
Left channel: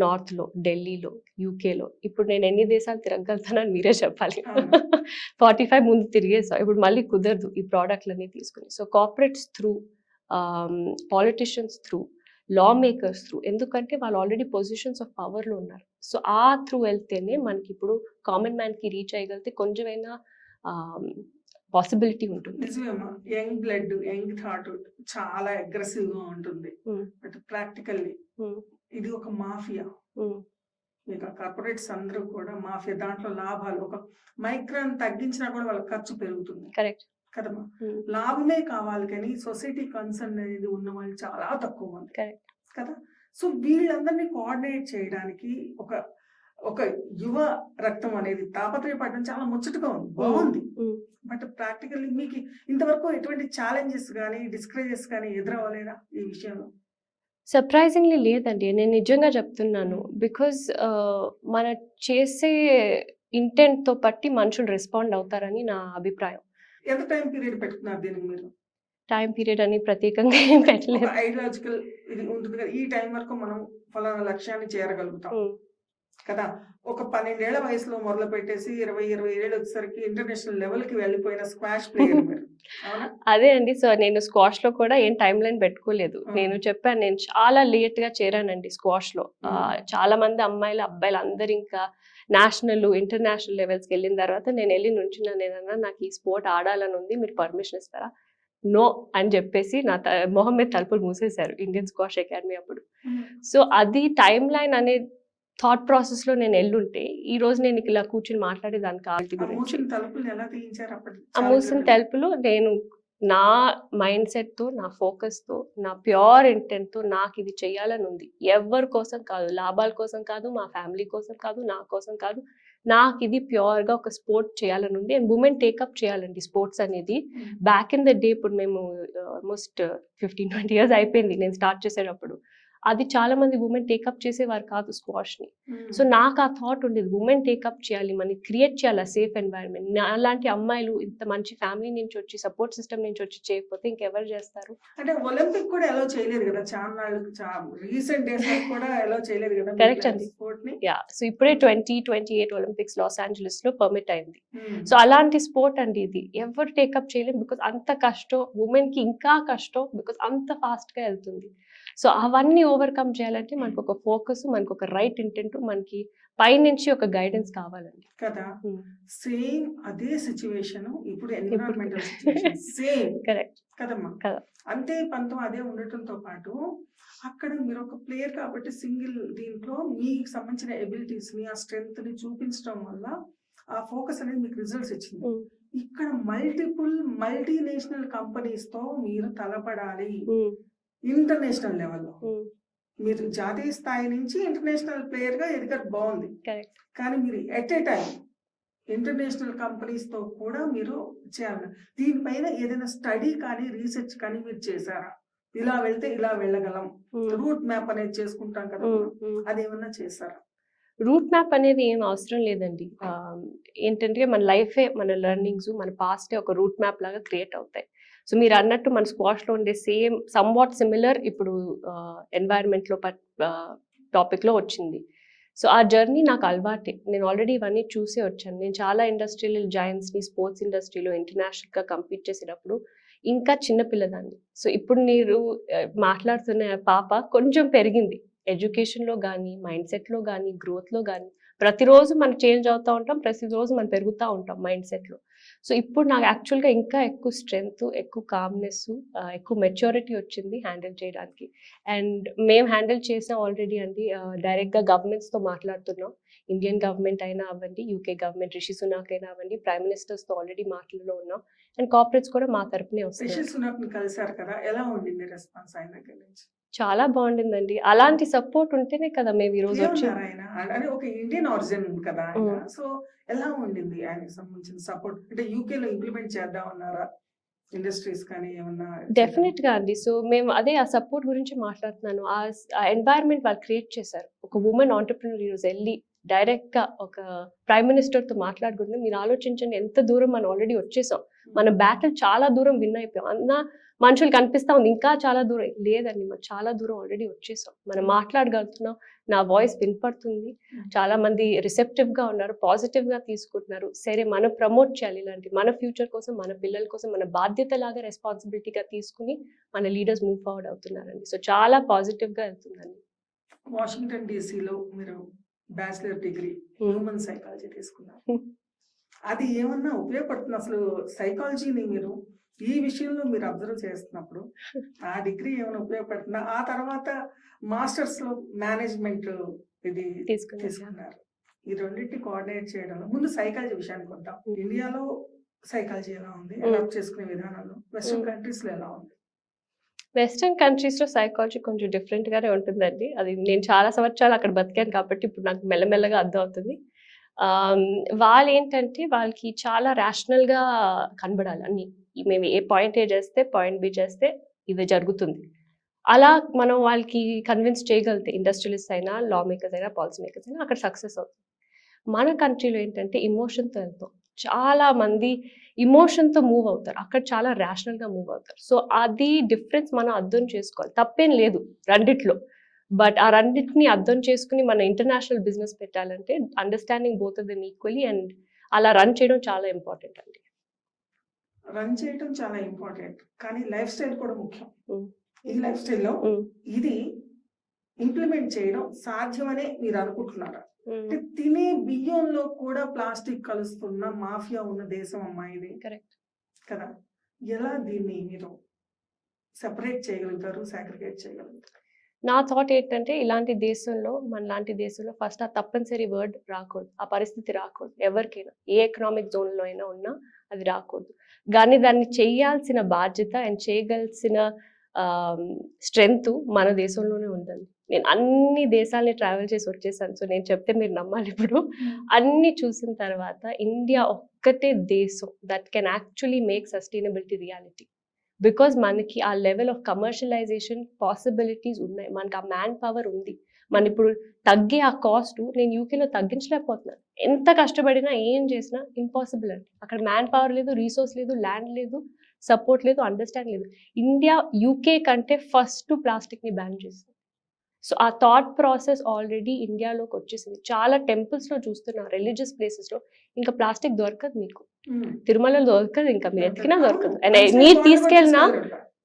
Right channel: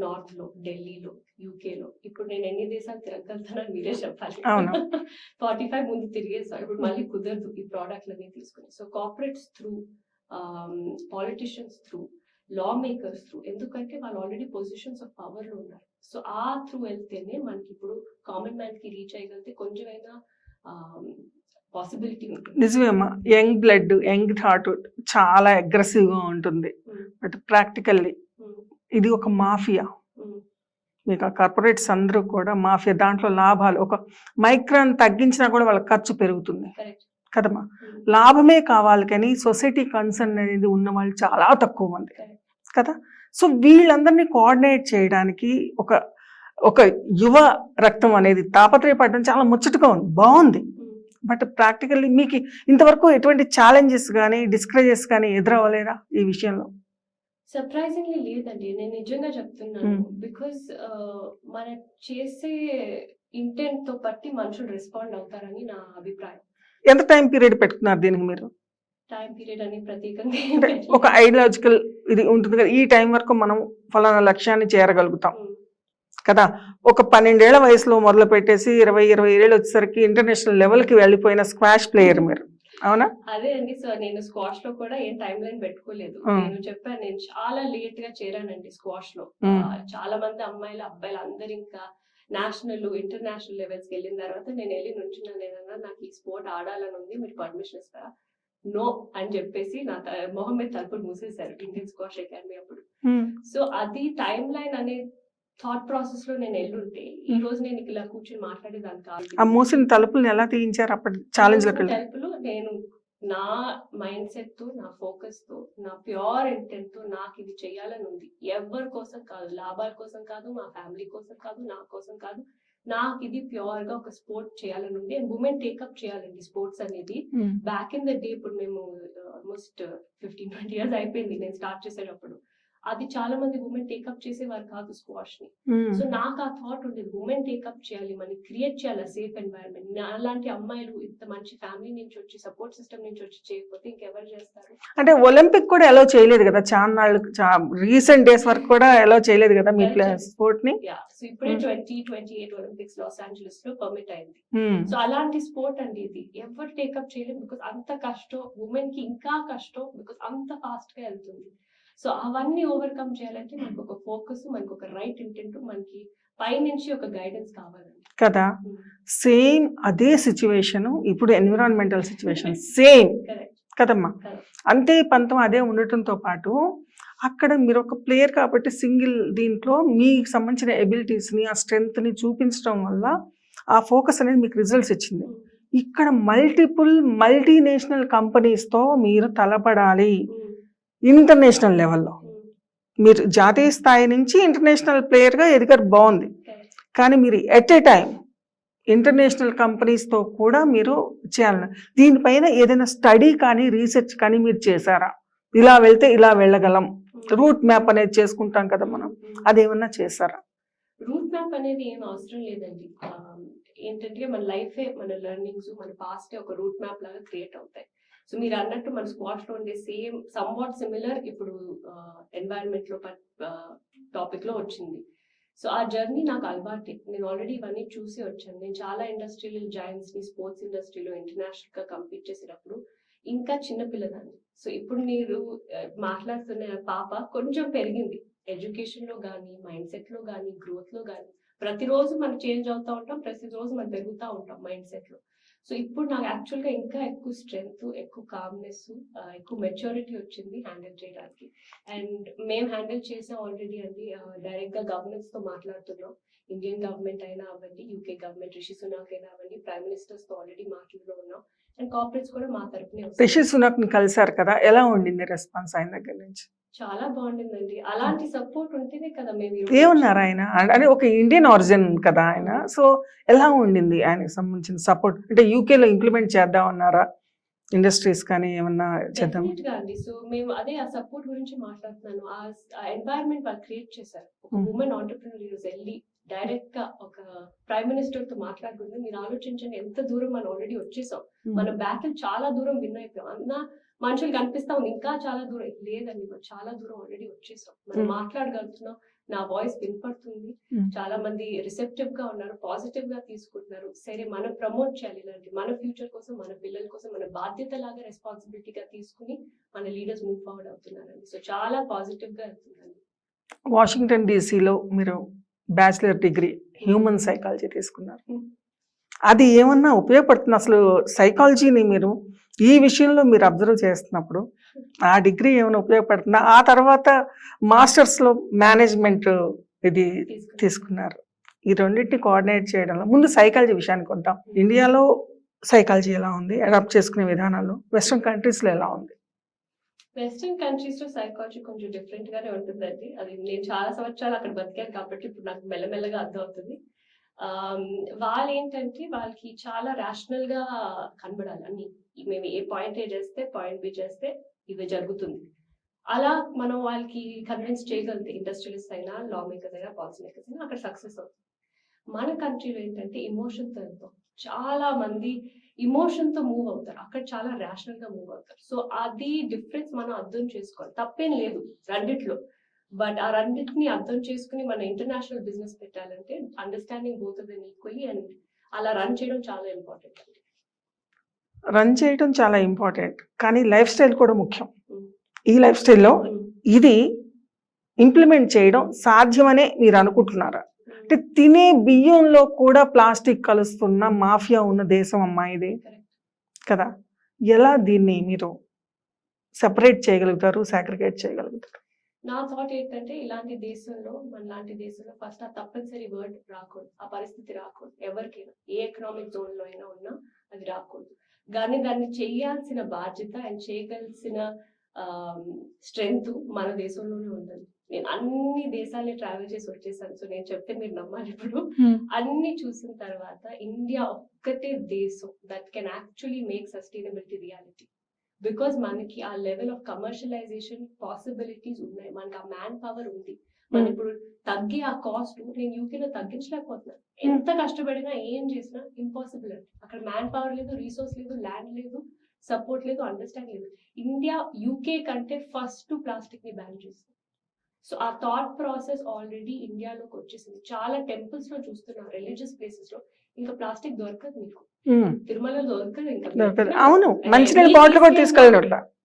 నార్త్లో, ఢిల్లీలో, యూకేలో, ఇప్పుడు నేను ఎన్ని దేశాలు తిరగలుగుతానని మీరే చెప్పాలి. 45 ముందు తిరిగేసాం, ఇప్పుడు మళ్ళీ కుదరదు ఈ ప్రోడక్ట్లన్నీ తీసుకుని. So corporates through, politicians through, లా మేకర్స్ త్రూ, ఎందుకంటే వాళ్ళు ఆల్రెడీ పొజిషన్స్ ఆఫ్ పవర్లో ఉన్నారు. సో ఆ త్రూ వెళ్తేనే మనకి ఇప్పుడు కామన్ మ్యాన్కి రీచ్ అయ్యగలిగితే కొంచెమైనా పాసిబిలిటీ ఉంటుంది. నిజమేమ్మా, యంగ్ బ్లడ్, యంగ్ థాట్ చాలా అగ్రెసివ్గా ఉంటుంది. బట్ ప్రాక్టికల్లీ ఇది ఒక మాఫియా. మీకు ఆ కార్పొరేట్స్ అందరూ కూడా మాఫియా. దాంట్లో లాభాలు ఒక మైక్రాన్ తగ్గించినా కూడా వాళ్ళ ఖర్చు పెరుగుతుంది. కరెక్ట్. కదమ్మా. లాభమే కావాలి కానీ సొసైటీ కన్సర్న్ అనేది ఉన్న వాళ్ళు చాలా తక్కువ మంది కదా. సో వీళ్ళందరినీ కోఆర్డినేట్ చేయడానికి ఒక ఒక యువ రక్తం అనేది తాపత్రయపడడం చాలా ముచ్చటగా ఉంది, బాగుంది. బట్ ప్రాక్టికల్లీ మీకు ఇంతవరకు ఎటువంటి ఛాలెంజెస్ కానీ డిస్కరేజెస్ కానీ ఎదురవ్వలేదా ఈ విషయంలో? సర్ప్రైజింగ్లీ లేదండి, నేను నిజంగా చెప్తున్నాను. బికాజ్ మన చేసే ఇంటెంట్ తో బట్టి మనుషులు రెస్పాండ్ అవుతారని నా అభిప్రాయం. ఎంత టైం పీరియడ్ పెట్టుకున్నారు దీనికి మీరు? టైం పీరియడ్ అని ప్రత్యేకంగా ఒక ఐడియాలజికల్ ఇది ఉంటుంది కదా, ఈ టైం వరకు మనం ఫలానా లక్ష్యాన్ని చేరగలుగుతాం కదా. ఒక 12 ఏళ్ల వయసులో మొదలు పెట్టేసి 20 ఏళ్ళు వచ్చేసరికి ఇంటర్నేషనల్ లెవెల్ కి వెళ్ళిపోయిన స్క్వాష్ ప్లేయర్ మీరు, అవునా? అదే అండి. సో నేను స్క్వాష్ లో కూడా ఏం టైం లైన్ పెట్టుకోలేదు. నేను చెప్పాను, నేను చాలా లేట్ గా చేరానండి స్క్వాష్ లో. చాలా మంది అమ్మాయిలు అబ్బాయిలు అందరు ఇంకా నేషనల్ ఇంటర్నేషనల్ లెవెల్స్కి వెళ్ళిన తర్వాత నేను వెళ్ళి నుంచున్నాను. నేనన్నా నాకు ఈ స్పోర్ట్ ఆడాలని ఉంది, మీరు పర్మిషన్ ఇస్తారా? నో అని చెప్పేసి నా మొహం మీద తలుపులు మూసేశారు ఇండియన్ స్క్వాష్ అకాడమీ అప్పుడు. సో అది టైం లైన్ అనే థాట్ ప్రాసెస్ లో నేను ఎల్లుంటే ఈ రోజు నేను ఇలా కూర్చుని మాట్లాడేదాన్ని కాదు. మూసిన తలుపులు ఎలా తీయించారు అప్పుడు? తలుపులు నేను నా మైండ్ సెట్ తో, నా ఫోకస్ తో, నా ప్యూర్ ఇంటెంట్ తో నాకు ఇది చెయ్యాలని ఉంది. ఎవరి కోసం కాదు, లాభాల కోసం కాదు, మా ఫ్యామిలీ కోసం కాదు, నా కోసం కాదు. నాకు ఇది ప్యూర్ గా ఒక స్పోర్ట్ చేయాలని ఉంది. అండ్ ఉమెన్ టేకప్ చేయాలండి స్పోర్ట్స్ అనేది. బ్యాక్ ఇన్ ద డే, ఇప్పుడు మేము ఆల్మోస్ట్ 15-20 years అయిపోయింది నేను స్టార్ట్ చేసేటప్పుడు. అది చాలా మంది ఉమెన్ టేకప్ చేసేవారు కాదు స్క్వాష్ ని. సో నాకు ఆ థాట్ ఉండేది, ఉమెన్ టేకప్ చేయాలి, మనకి క్రియేట్ చేయాలి సేఫ్ ఎన్వైరన్మెంట్. అలాంటి అమ్మాయిలు ఇంత మంచి ఫ్యామిలీ నుంచి వచ్చి, సపోర్ట్ సిస్టమ్ నుంచి వచ్చి చేయకపోతే ఇంకెవరు చేస్తారు? అంటే ఒలింపిక్ కూడా ఎలా చేయలేదు కదా, చాలా రీసెంట్ డేస్ వరకు కూడా ఎలా చేయలేదు కదా స్పోర్ట్ ని. సో ఇప్పుడే 2028 ఒలింపిక్స్ లాస్ ఏంజలస్ లో పర్మిట్ అయింది. సో అలాంటి స్పోర్ట్ అండి ఇది, ఎవరు టేకప్ చేయలేదు. బికాస్ అంత కష్టం, ఉమెన్ కి ఇంకా కష్టం, బికాస్ అంత ఫాస్ట్ గా వెళ్తుంది. సో అవన్నీ ఓవర్కమ్ చేయాలంటే మనకు ఒక ఫోకస్, మనకు ఒక రైట్ ఇంటెంట్, మనకి పైనుంచి ఒక గైడెన్స్ కావాలండి కదా. సేమ్ అదే సిచ్యువేషన్ ఇప్పుడు ఎన్విరాన్మెంటల్ సిచ్యువేషన్ సేమ్ కరెక్ట్ కదమ్మా. అంతే పంతం అదే ఉండటంతో పాటు అక్కడ మీరు ఒక ప్లేయర్ కాబట్టి సింగిల్ దీంట్లో మీకు సంబంధించిన ఎబిలిటీస్ ని, ఆ స్ట్రెంగ్త్ ని చూపించడం వల్ల ఆ ఫోకస్ అనేది మీకు రిజల్ట్స్ ఇచ్చింది. ఇక్కడ మల్టీనేషనల్ కంపెనీస్ తో మీరు తలపడాలి. ఇంటర్నేషనల్ లెవెల్లో మీరు జాతీయ స్థాయి నుంచి ఇంటర్నేషనల్ ప్లేయర్ గా ఎదిగారు, బాగుంది. కానీ మీరు at a time international companies తో కూడా మీరు చేయాలి. దీనిపైన ఏదైనా స్టడీ కానీ రీసెర్చ్ కానీ మీరు చేశారా? ఇలా వెళ్తే ఇలా వెళ్ళగలం, రూట్ మ్యాప్ అనేది చేసుకుంటాం కదా మనం, అదేమన్నా చేశారా? రూట్ మ్యాప్ అనేది ఏం అవసరం లేదండి. ఏంటంటే మన లైఫే, మన లెర్నింగ్స్, మన పాస్టే ఒక రూట్ మ్యాప్ లాగా క్రియేట్ అవుతాయి. సో మీరు అన్నట్టు మన స్క్వాష్లో ఉండే సేమ్ సమ్వాట్ సిమిలర్ ఇప్పుడు ఎన్వైరన్మెంట్లో టాపిక్లో వచ్చింది. సో ఆ జర్నీ నాకు అలవాటే, నేను ఆల్రెడీ ఇవన్నీ చూసే వచ్చాను. నేను చాలా ఇండస్ట్రియల్ జాయింట్స్ని స్పోర్ట్స్ ఇండస్ట్రీలో ఇంటర్నేషనల్గా కంపీట్ చేసేటప్పుడు ఇంకా చిన్నపిల్లదాన్ని. సో ఇప్పుడు మీరు మాట్లాడుతున్న పాప కొంచెం పెరిగింది, ఎడ్యుకేషన్లో కానీ, మైండ్ సెట్లో కానీ, గ్రోత్లో కానీ. ప్రతిరోజు మనం చేంజ్ అవుతూ ఉంటాం, ప్రతిరోజు మనం పెరుగుతూ ఉంటాం మైండ్ సెట్లో. సో ఇప్పుడు నాకు యాక్చువల్గా ఇంకా ఎక్కువ స్ట్రెంగ్త్, ఎక్కువ కామ్నెస్, ఎక్కువ మెచ్యూరిటీ వచ్చింది హ్యాండిల్ చేయడానికి. అండ్ మేము హ్యాండిల్ చేసాం ఆల్రెడీ అండి. డైరెక్ట్గా గవర్నమెంట్స్తో మాట్లాడుతున్నాం. ఇండియన్ గవర్నమెంట్ అయినా అవ్వండి, యూకే గవర్నమెంట్, రిషి సునాక్ అయినా అవ్వండి, ప్రైమ్ మినిస్టర్స్తో ఆల్రెడీ మాటల్లో ఉన్నాం. అండ్ కార్పొరేట్స్ కూడా మా తరపునే వస్తాయి. రిషి సునాక్ ని కలిసారు కదా, ఎలా ఉండింది రెస్పాన్స్ ఆయన దగ్గర నుంచి? చాలా బాగుండిందండి. అలాంటి సపోర్ట్ ఉంటేనే కదా మేము ఈరోజు. ఏమన్నారు ఆయన? అంటే ఒక ఇండియన్ ఆరిజిన్ కదా ఆయన, సో ఎలా ఉండింది ఆయనకు సంబంధించిన సపోర్ట్? అంటే యూకేలో ఇంప్లిమెంట్ చేద్దాం అన్నారా ఇండస్ట్రీస్ కానీ ఏమన్నా? డెఫినెట్ గా అండి. సో మేము అదే ఆ సపోర్ట్ గురించి మాట్లాడుతున్నాను. ఆ ఎన్వైరన్మెంట్ వాళ్ళు క్రియేట్ చేశారు. ఒక ఉమెన్ ఆంటర్ప్రినర్ ఈరోజు వెళ్ళి డైరెక్ట్ గా ఒక ప్రైమ్ మినిస్టర్ తో మాట్లాడుకుంటే మీరు ఆలోచించండి ఎంత దూరం మనం ఆల్రెడీ వచ్చేసాం. మన బ్యాటిల్ చాలా దూరం విన్ అయిపోయాం అన్న మనుషులు కనిపిస్తా ఉంది, ఇంకా చాలా దూరం లేదండి, మనం చాలా దూరం ఆల్రెడీ వచ్చేసాం. మనం మాట్లాడగలుగుతున్నాం, నా వాయిస్ వినపడుతుంది, చాలా మంది రిసెప్టివ్ గా ఉన్నారు, పాజిటివ్ గా తీసుకుంటున్నారు. సరే మనం ప్రమోట్ చేయాలి ఇలాంటి, మన ఫ్యూచర్ కోసం, మన పిల్లల కోసం మన బాధ్యత లాగా రెస్పాన్సిబిలిటీగా తీసుకుని మన లీడర్స్ మూవ్ ఫార్వర్డ్ అవుతున్నారండి. సో చాలా పాజిటివ్ గా వెళ్తుందండి. వాషింగ్టన్ డీసీలో మీరు బ్యాచిలర్ డిగ్రీ హ్యూమన్ సైకాలజీ తీసుకున్నారు, అది ఏమన్నా ఉపయోగపడుతుంది అసలు? సైకాలజీని మీరు ఈ విషయంలో మీరు అబ్జర్వ్ చేస్తున్నప్పుడు ఆ డిగ్రీ ఏమైనా ఉపయోగపడుతుందా? ఆ తర్వాత మాస్టర్స్ లో మేనేజ్మెంట్ ఇది తీసుకున్నారు. ఈ రెండింటిని కోఆర్డినేట్ చేయడంలో ముందు సైకాలజీ విషయానికి వద్దాం. ఇండియాలో సైకాలజీ ఎలా ఉంది, అడాప్ట్ చేసుకునే విధానాలు వెస్ట్రన్ కంట్రీస్లో ఎలా ఉంది? వెస్టర్న్ కంట్రీస్లో సైకాలజీ కొంచెం డిఫరెంట్గానే ఉంటుందండి. అది నేను చాలా సంవత్సరాలు అక్కడ బతికాను కాబట్టి ఇప్పుడు నాకు మెల్లమెల్లగా అర్థం అవుతుంది. వాళ్ళు ఏంటంటే వాళ్ళకి చాలా ర్యాషనల్గా కనబడాలి అన్ని. మేము ఏ పాయింట్ ఏ చేస్తే పాయింట్ బి చేస్తే ఇది జరుగుతుంది. అలా మనం వాళ్ళకి కన్విన్స్ చేయగలిగితే ఇండస్ట్రియలిస్ట్ అయినా, లా మేకర్స్ అయినా, పాలసీ మేకర్స్ అయినా అక్కడ సక్సెస్ అవుతుంది. మన కంట్రీలో ఏంటంటే ఎమోషన్తో వెళ్తాం. చాలా మంది ఎమోషన్తో మూవ్ అవుతారు, అక్కడ చాలా ర్యాషనల్గా మూవ్ అవుతారు. సో అది డిఫరెన్స్ మనం అర్థం చేసుకోవాలి. తప్పేం లేదు రెండిట్లో, బట్ ఆ రెండింటిని అర్థం చేసుకుని మన ఇంటర్నేషనల్ బిజినెస్ పెట్టాలంటే understanding both of them equally and అలా రన్ చేయడం చాలా ఇంపార్టెంట్ అండి. రన్ చేయడం చాలా ఇంపార్టెంట్, కానీ లైఫ్ స్టైల్ కూడా ముఖ్యం. Mm. ఈ లైఫ్ స్టైల్లో Mm. ఇది ఇంప్లిమెంట్ చేయడం సాధ్యమనే మీరు అనుకుంటున్నారా? Mm. అంటే తినే బియ్యంలో కూడా ప్లాస్టిక్ కలుస్తున్న మాఫియా ఉన్న దేశం అమ్మా ఇది Correct. కదా. ఎలా దీన్ని మీరు సెపరేట్ చేయగలుగుతారు, సాగ్రిగేట్ చేయగలుగుతారు? నా థాట్ ఏంటంటే ఇలాంటి దేశంలో, మన లాంటి దేశంలో ఫస్ట్ ఆ తప్పనిసరి వర్డ్ రాకూడదు, ఆ పరిస్థితి రాకూడదు. ఎవరికైనా ఏ ఎకనామిక్ జోన్లో అయినా ఉన్నా అది రాకూడదు. కానీ దాన్ని చేయాల్సిన బాధ్యత అండ్ చేయగలిసిన స్ట్రెంగ్త్ మన దేశంలోనే ఉందండి. నేను అన్ని దేశాలని ట్రావెల్ చేసి వచ్చేసాను. సో నేను చెప్తే మీరు నమ్మాలి. ఇప్పుడు అన్ని చూసిన తర్వాత ఇండియా ఒక్కటే దేశం that can actually make sustainability reality. Because మనకి ఆ లెవెల్ ఆఫ్ కమర్షియలైజేషన్ పాసిబిలిటీస్ ఉన్నాయి, మనకి ఆ మ్యాన్ పవర్ ఉంది. మన ఇప్పుడు తగ్గే ఆ కాస్ట్ నేను యూకేలో తగ్గించలేకపోతున్నాను. ఎంత కష్టపడినా ఏం చేసినా ఇంపాసిబుల్ అండి. అక్కడ మ్యాన్ పవర్ లేదు, రీసోర్స్ లేదు, ల్యాండ్ లేదు, సపోర్ట్ లేదు, అండర్స్టాండ్ లేదు. ఇండియా యూకే కంటే ఫస్ట్ ప్లాస్టిక్ని బ్యాన్ చేసింది. సో ఆ థాట్ ప్రాసెస్ ఆల్రెడీ ఇండియాలోకి వచ్చేసింది. చాలా టెంపుల్స్లో చూస్తున్నారు, రిలీజియస్ ప్లేసెస్లో ఇంకా ప్లాస్టిక్ దొరకదు. మీకు తిరుమలలో దొరకదు. ఇంకా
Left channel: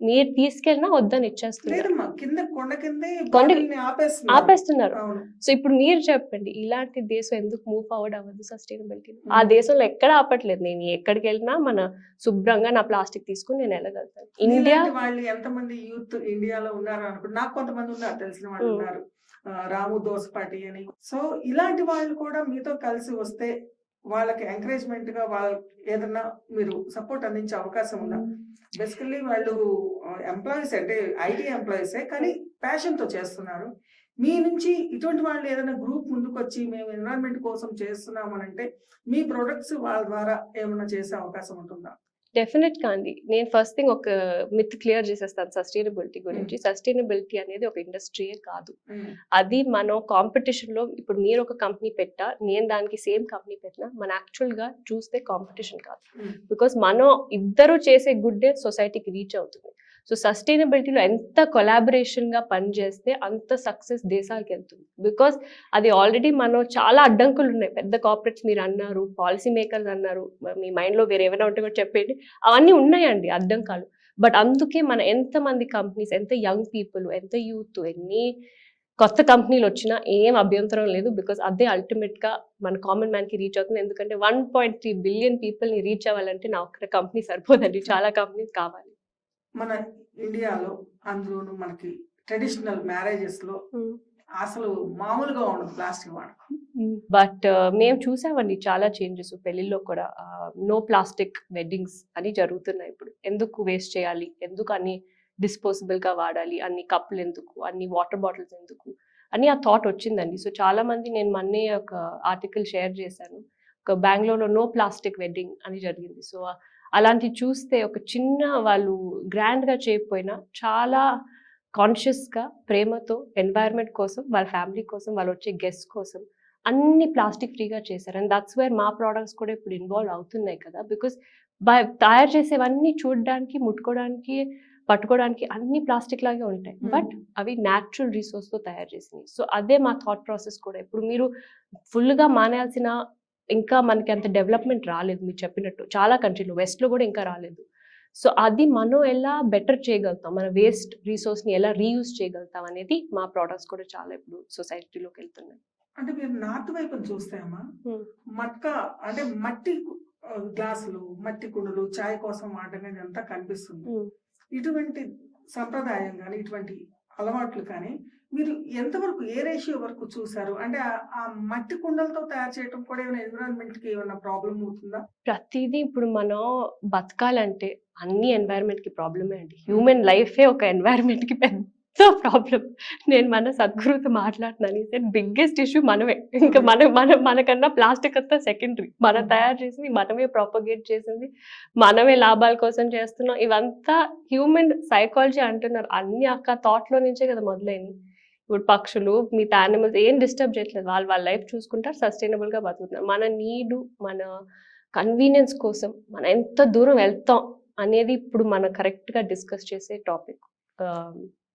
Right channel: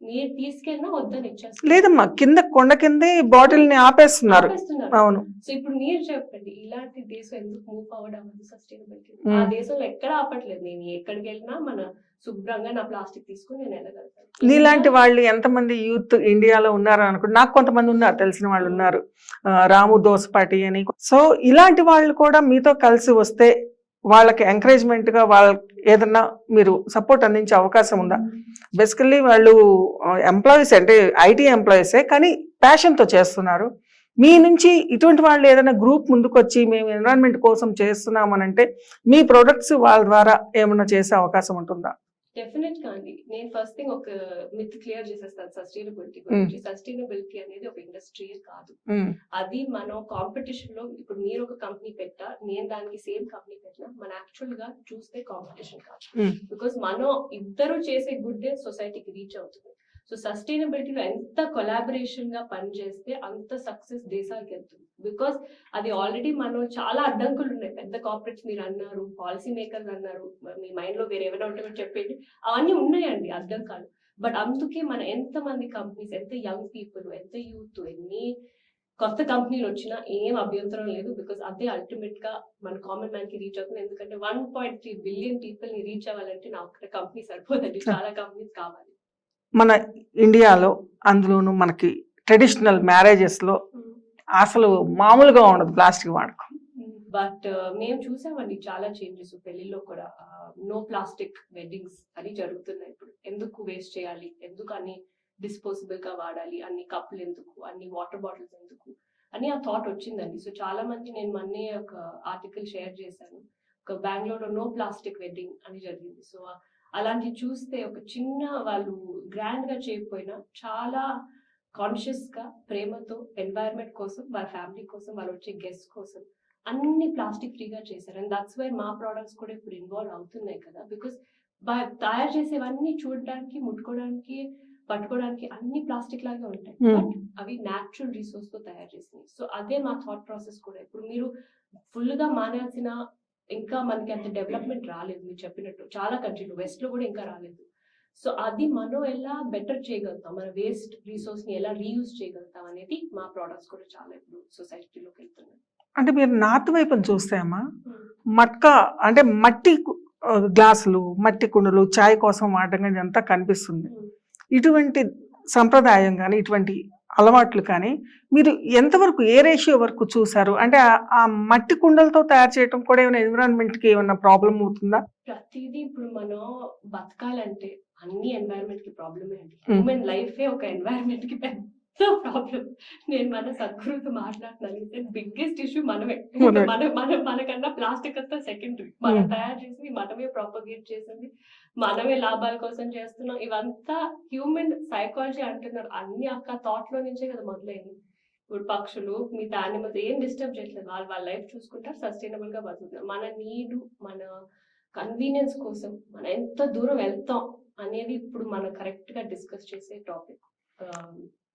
మీరు తీసుకెళ్ళినా వద్దని ఇచ్చేస్తారు. లేదమ్మా, కింద కొండ కిందే బాటిల్ ని ఆపేస్తున్నారు. అవును. సో ఇప్పుడు మీరు చెప్పండి, ఇలాంటి దేశం ఎందుకు మూవ్ ఫార్వర్డ్ అవ్వదు సస్టైనబిలిటీ? ఆ దేశంలో ఎక్కడ ఆపట్లేదు. నేను ఎక్కడికి వెళ్ళినా మన శుభ్రంగా నా ప్లాస్టిక్ తీసుకుని నేను వెళ్ళగలుగుతాను. ఇలాంటి వాళ్ళు ఎంతమంది యూత్ ఇండియాలో ఉన్నారు అనుకుంటే, నాకు కొంతమంది ఉన్నారు, తెలిసిన వాళ్ళు ఉన్నారు, రాము దోసపాటి అని. సో ఇలాంటి వాళ్ళు కూడా మీతో కలిసి వస్తే వాళ్ళకి ఎంకరేజ్మెంట్ గా వాళ్ళకి ఏదన్నా మీరు సపోర్ట్ అందించే అవకాశం ఉందా? బేసికల్లీ వాళ్ళు ఎంప్లాయీస్, అంటే ఐటీ ఎంప్లాయీసే, కానీ ప్యాషన్తో చేస్తున్నారు. మీ నుంచి ఇటువంటి వాళ్ళు ఏదైనా గ్రూప్ ముందుకు వచ్చి మేము ఎన్విరాన్మెంట్ కోసం చేస్తున్నామనంటే మీ ప్రొడక్ట్స్ వాళ్ళ ద్వారా ఏమన్నా చేసే అవకాశం ఉంటుందా? డెఫినెట్గా అండి. నేను ఫస్ట్ థింగ్ ఒక మిత్ క్లియర్ చేసేస్తాను సస్టైనబిలిటీ గురించి. సస్టైనబిలిటీ అనేది ఒక ఇండస్ట్రీయే కాదు. అది మనం కాంపిటీషన్ లో, ఇప్పుడు మీరు ఒక కంపెనీ పెట్టా, నేను దానికి సేమ్ కంపెనీ పెట్టినా, మన యాక్చువల్ గా చూస్తే కాంపిటీషన్ కాదు. బికాస్ మనం ఇద్దరు చేసే గుడ్ డే సొసైటీకి రీచ్ అవుతుంది. సో సస్టైనబిలిటీలో ఎంత కొలాబరేషన్ గా పనిచేస్తే అంత సక్సెస్ దేశాలకు వెళ్తుంది. బికాస్ అది ఆల్రెడీ మనం చాలా అడ్డంకులు ఉన్నాయి. పెద్ద కార్పొరేట్స్ మీరు అన్నారు, పాలసీ మేకర్స్ అన్నారు, మీ మైండ్ లో వేరే ఏమైనా ఉంటే కూడా చెప్పండి. అవన్నీ ఉన్నాయండి అడ్డంకాలు. బట్ అందుకే మన ఎంతమంది కంపెనీస్, ఎంత యంగ్ పీపుల్, ఎంత యూత్, ఎన్ని కొత్త కంపెనీలు వచ్చినా ఏం అభ్యంతరం లేదు. బికాస్ అదే అల్టిమేట్ గా మన కామన్ మ్యాన్ కి రీచ్ అవుతుంది. ఎందుకంటే 1.3 బిలియన్ పీపుల్ ని రీచ్ అవ్వాలంటే నా ఒక్క కంపెనీ సరిపోదండి, చాలా కంపెనీస్ కావాలి. మన ఇండియాలో అందులోనూ మనకి ట్రెడిషనల్ మ్యారేజెస్లో అసలు మామూలుగా ఉండదు ప్లాస్టిక్ వాడకం. బట్ మేము చూసామండి చాలా చేంజెస్ పెళ్లిలో కూడా. నో ప్లాస్టిక్ వెడ్డింగ్స్ అని జరుగుతున్నాయి ఇప్పుడు. ఎందుకు వేస్ట్ చేయాలి, ఎందుకు అన్ని డిస్పోజబుల్గా వాడాలి, అన్ని కప్పులు ఎందుకు, అన్ని వాటర్ బాటిల్స్ ఎందుకు అని ఆ థాట్ వచ్చిందండి. సో చాలా మంది, నేను మొన్నే ఒక ఆర్టికల్ షేర్ చేశాను, ఒక బెంగళూరులో నో ప్లాస్టిక్ వెడ్డింగ్ అని జరిగింది. సో అలాంటివి చూస్తే ఒక చిన్న, వాళ్ళు గ్రాండ్గా చేయకపోయినా చాలా కాన్షియస్గా, ప్రేమతో, ఎన్వైర్న్మెంట్ కోసం, వాళ్ళ ఫ్యామిలీ కోసం, వాళ్ళు వచ్చే గెస్ట్ కోసం అన్ని ప్లాస్టిక్ ఫ్రీగా చేశారు. అండ్ దట్స్ వేర్ మా ప్రోడక్ట్స్ కూడా ఇప్పుడు ఇన్వాల్వ్ అవుతున్నాయి కదా. బికాస్ తయారు చేసేవన్నీ చూడడానికి, ముట్టుకోవడానికి, పట్టుకోవడానికి అన్ని ప్లాస్టిక్ లాగే ఉంటాయి, బట్ అవి న్యాచురల్ రిసోర్స్తో తయారు చేసినాయి. సో అదే మా థాట్ ప్రాసెస్ కూడా. ఇప్పుడు మీరు ఫుల్గా మానేయాల్సిన, ఇంకా మనకి అంత డెవలప్మెంట్ రాలేదు మీరు చెప్పినట్టు, చాలా కంట్రీలో, వెస్ట్లో కూడా ఇంకా రాలేదు. సో అది మనం ఎలా బెటర్ చేయగలుగుతాం, మన వేస్ట్ రిసోర్స్ని ఎలా రీయూజ్ చేయగలుగుతాం అనేది మా ప్రోడక్ట్స్ కూడా చాలా ఇప్పుడు సొసైటీలోకి వెళ్తున్నాయి. అంటే మీరు నార్త్ వైపుని చూస్తే అమ్మా, మట్కా అంటే మట్టి గ్లాసులు, మట్టి కుండలు, చాయ్ కోసం వాడడం కానీ అంతా కనిపిస్తుంది. ఇటువంటి సంప్రదాయం కానీ, ఇటువంటి అలవాట్లు కానీ మీరు ఎంతవరకు ఏ రేషియో వరకు చూసారు? అంటే ఆ మట్టి కుండలతో తయారు చేయటం కూడా ఏమైనా ఎన్విరాన్మెంట్‌కి ఏమన్నా ప్రాబ్లమ్ అవుతుందా? ప్రతీదీ ఇప్పుడు మనం బతకాలంటే అన్ని ఎన్వైరన్మెంట్ కి ప్రాబ్లమే అండి. Hmm. హ్యూమన్ లైఫే ఒక ఎన్వైరన్మెంట్ కి పెద్ద ప్రాబ్లం. నేను మన సద్గురుతో మాట్లాడుతున్నాను. బిగ్గెస్ట్ ఇష్యూ మనమే. ఇంకా మనకన్నా ప్లాస్టిక్ అంతా సెకండరీ. మనం తయారు చేసింది, మనమే ప్రాపగేట్ చేసింది, మనమే లాభాల కోసం చేస్తున్నాం. ఇవంతా హ్యూమన్ సైకాలజీ అంటున్నారు. అన్ని థాట్ లో నుంచే కదా మొదలైంది. ఇప్పుడు పక్షులు, మిగతా యానిమల్స్ ఏం డిస్టర్బ్ చేయట్లేదు. వాళ్ళ లైఫ్ చూసుకుంటారు, సస్టైనబుల్ గా బతుకుతున్నారు. మన నీడు, మన కన్వీనియన్స్ కోసం మనం ఎంత దూరం వెళ్తాం అనేది ఇప్పుడు మనం కరెక్ట్ గా డిస్కస్ చేసే టాపిక్.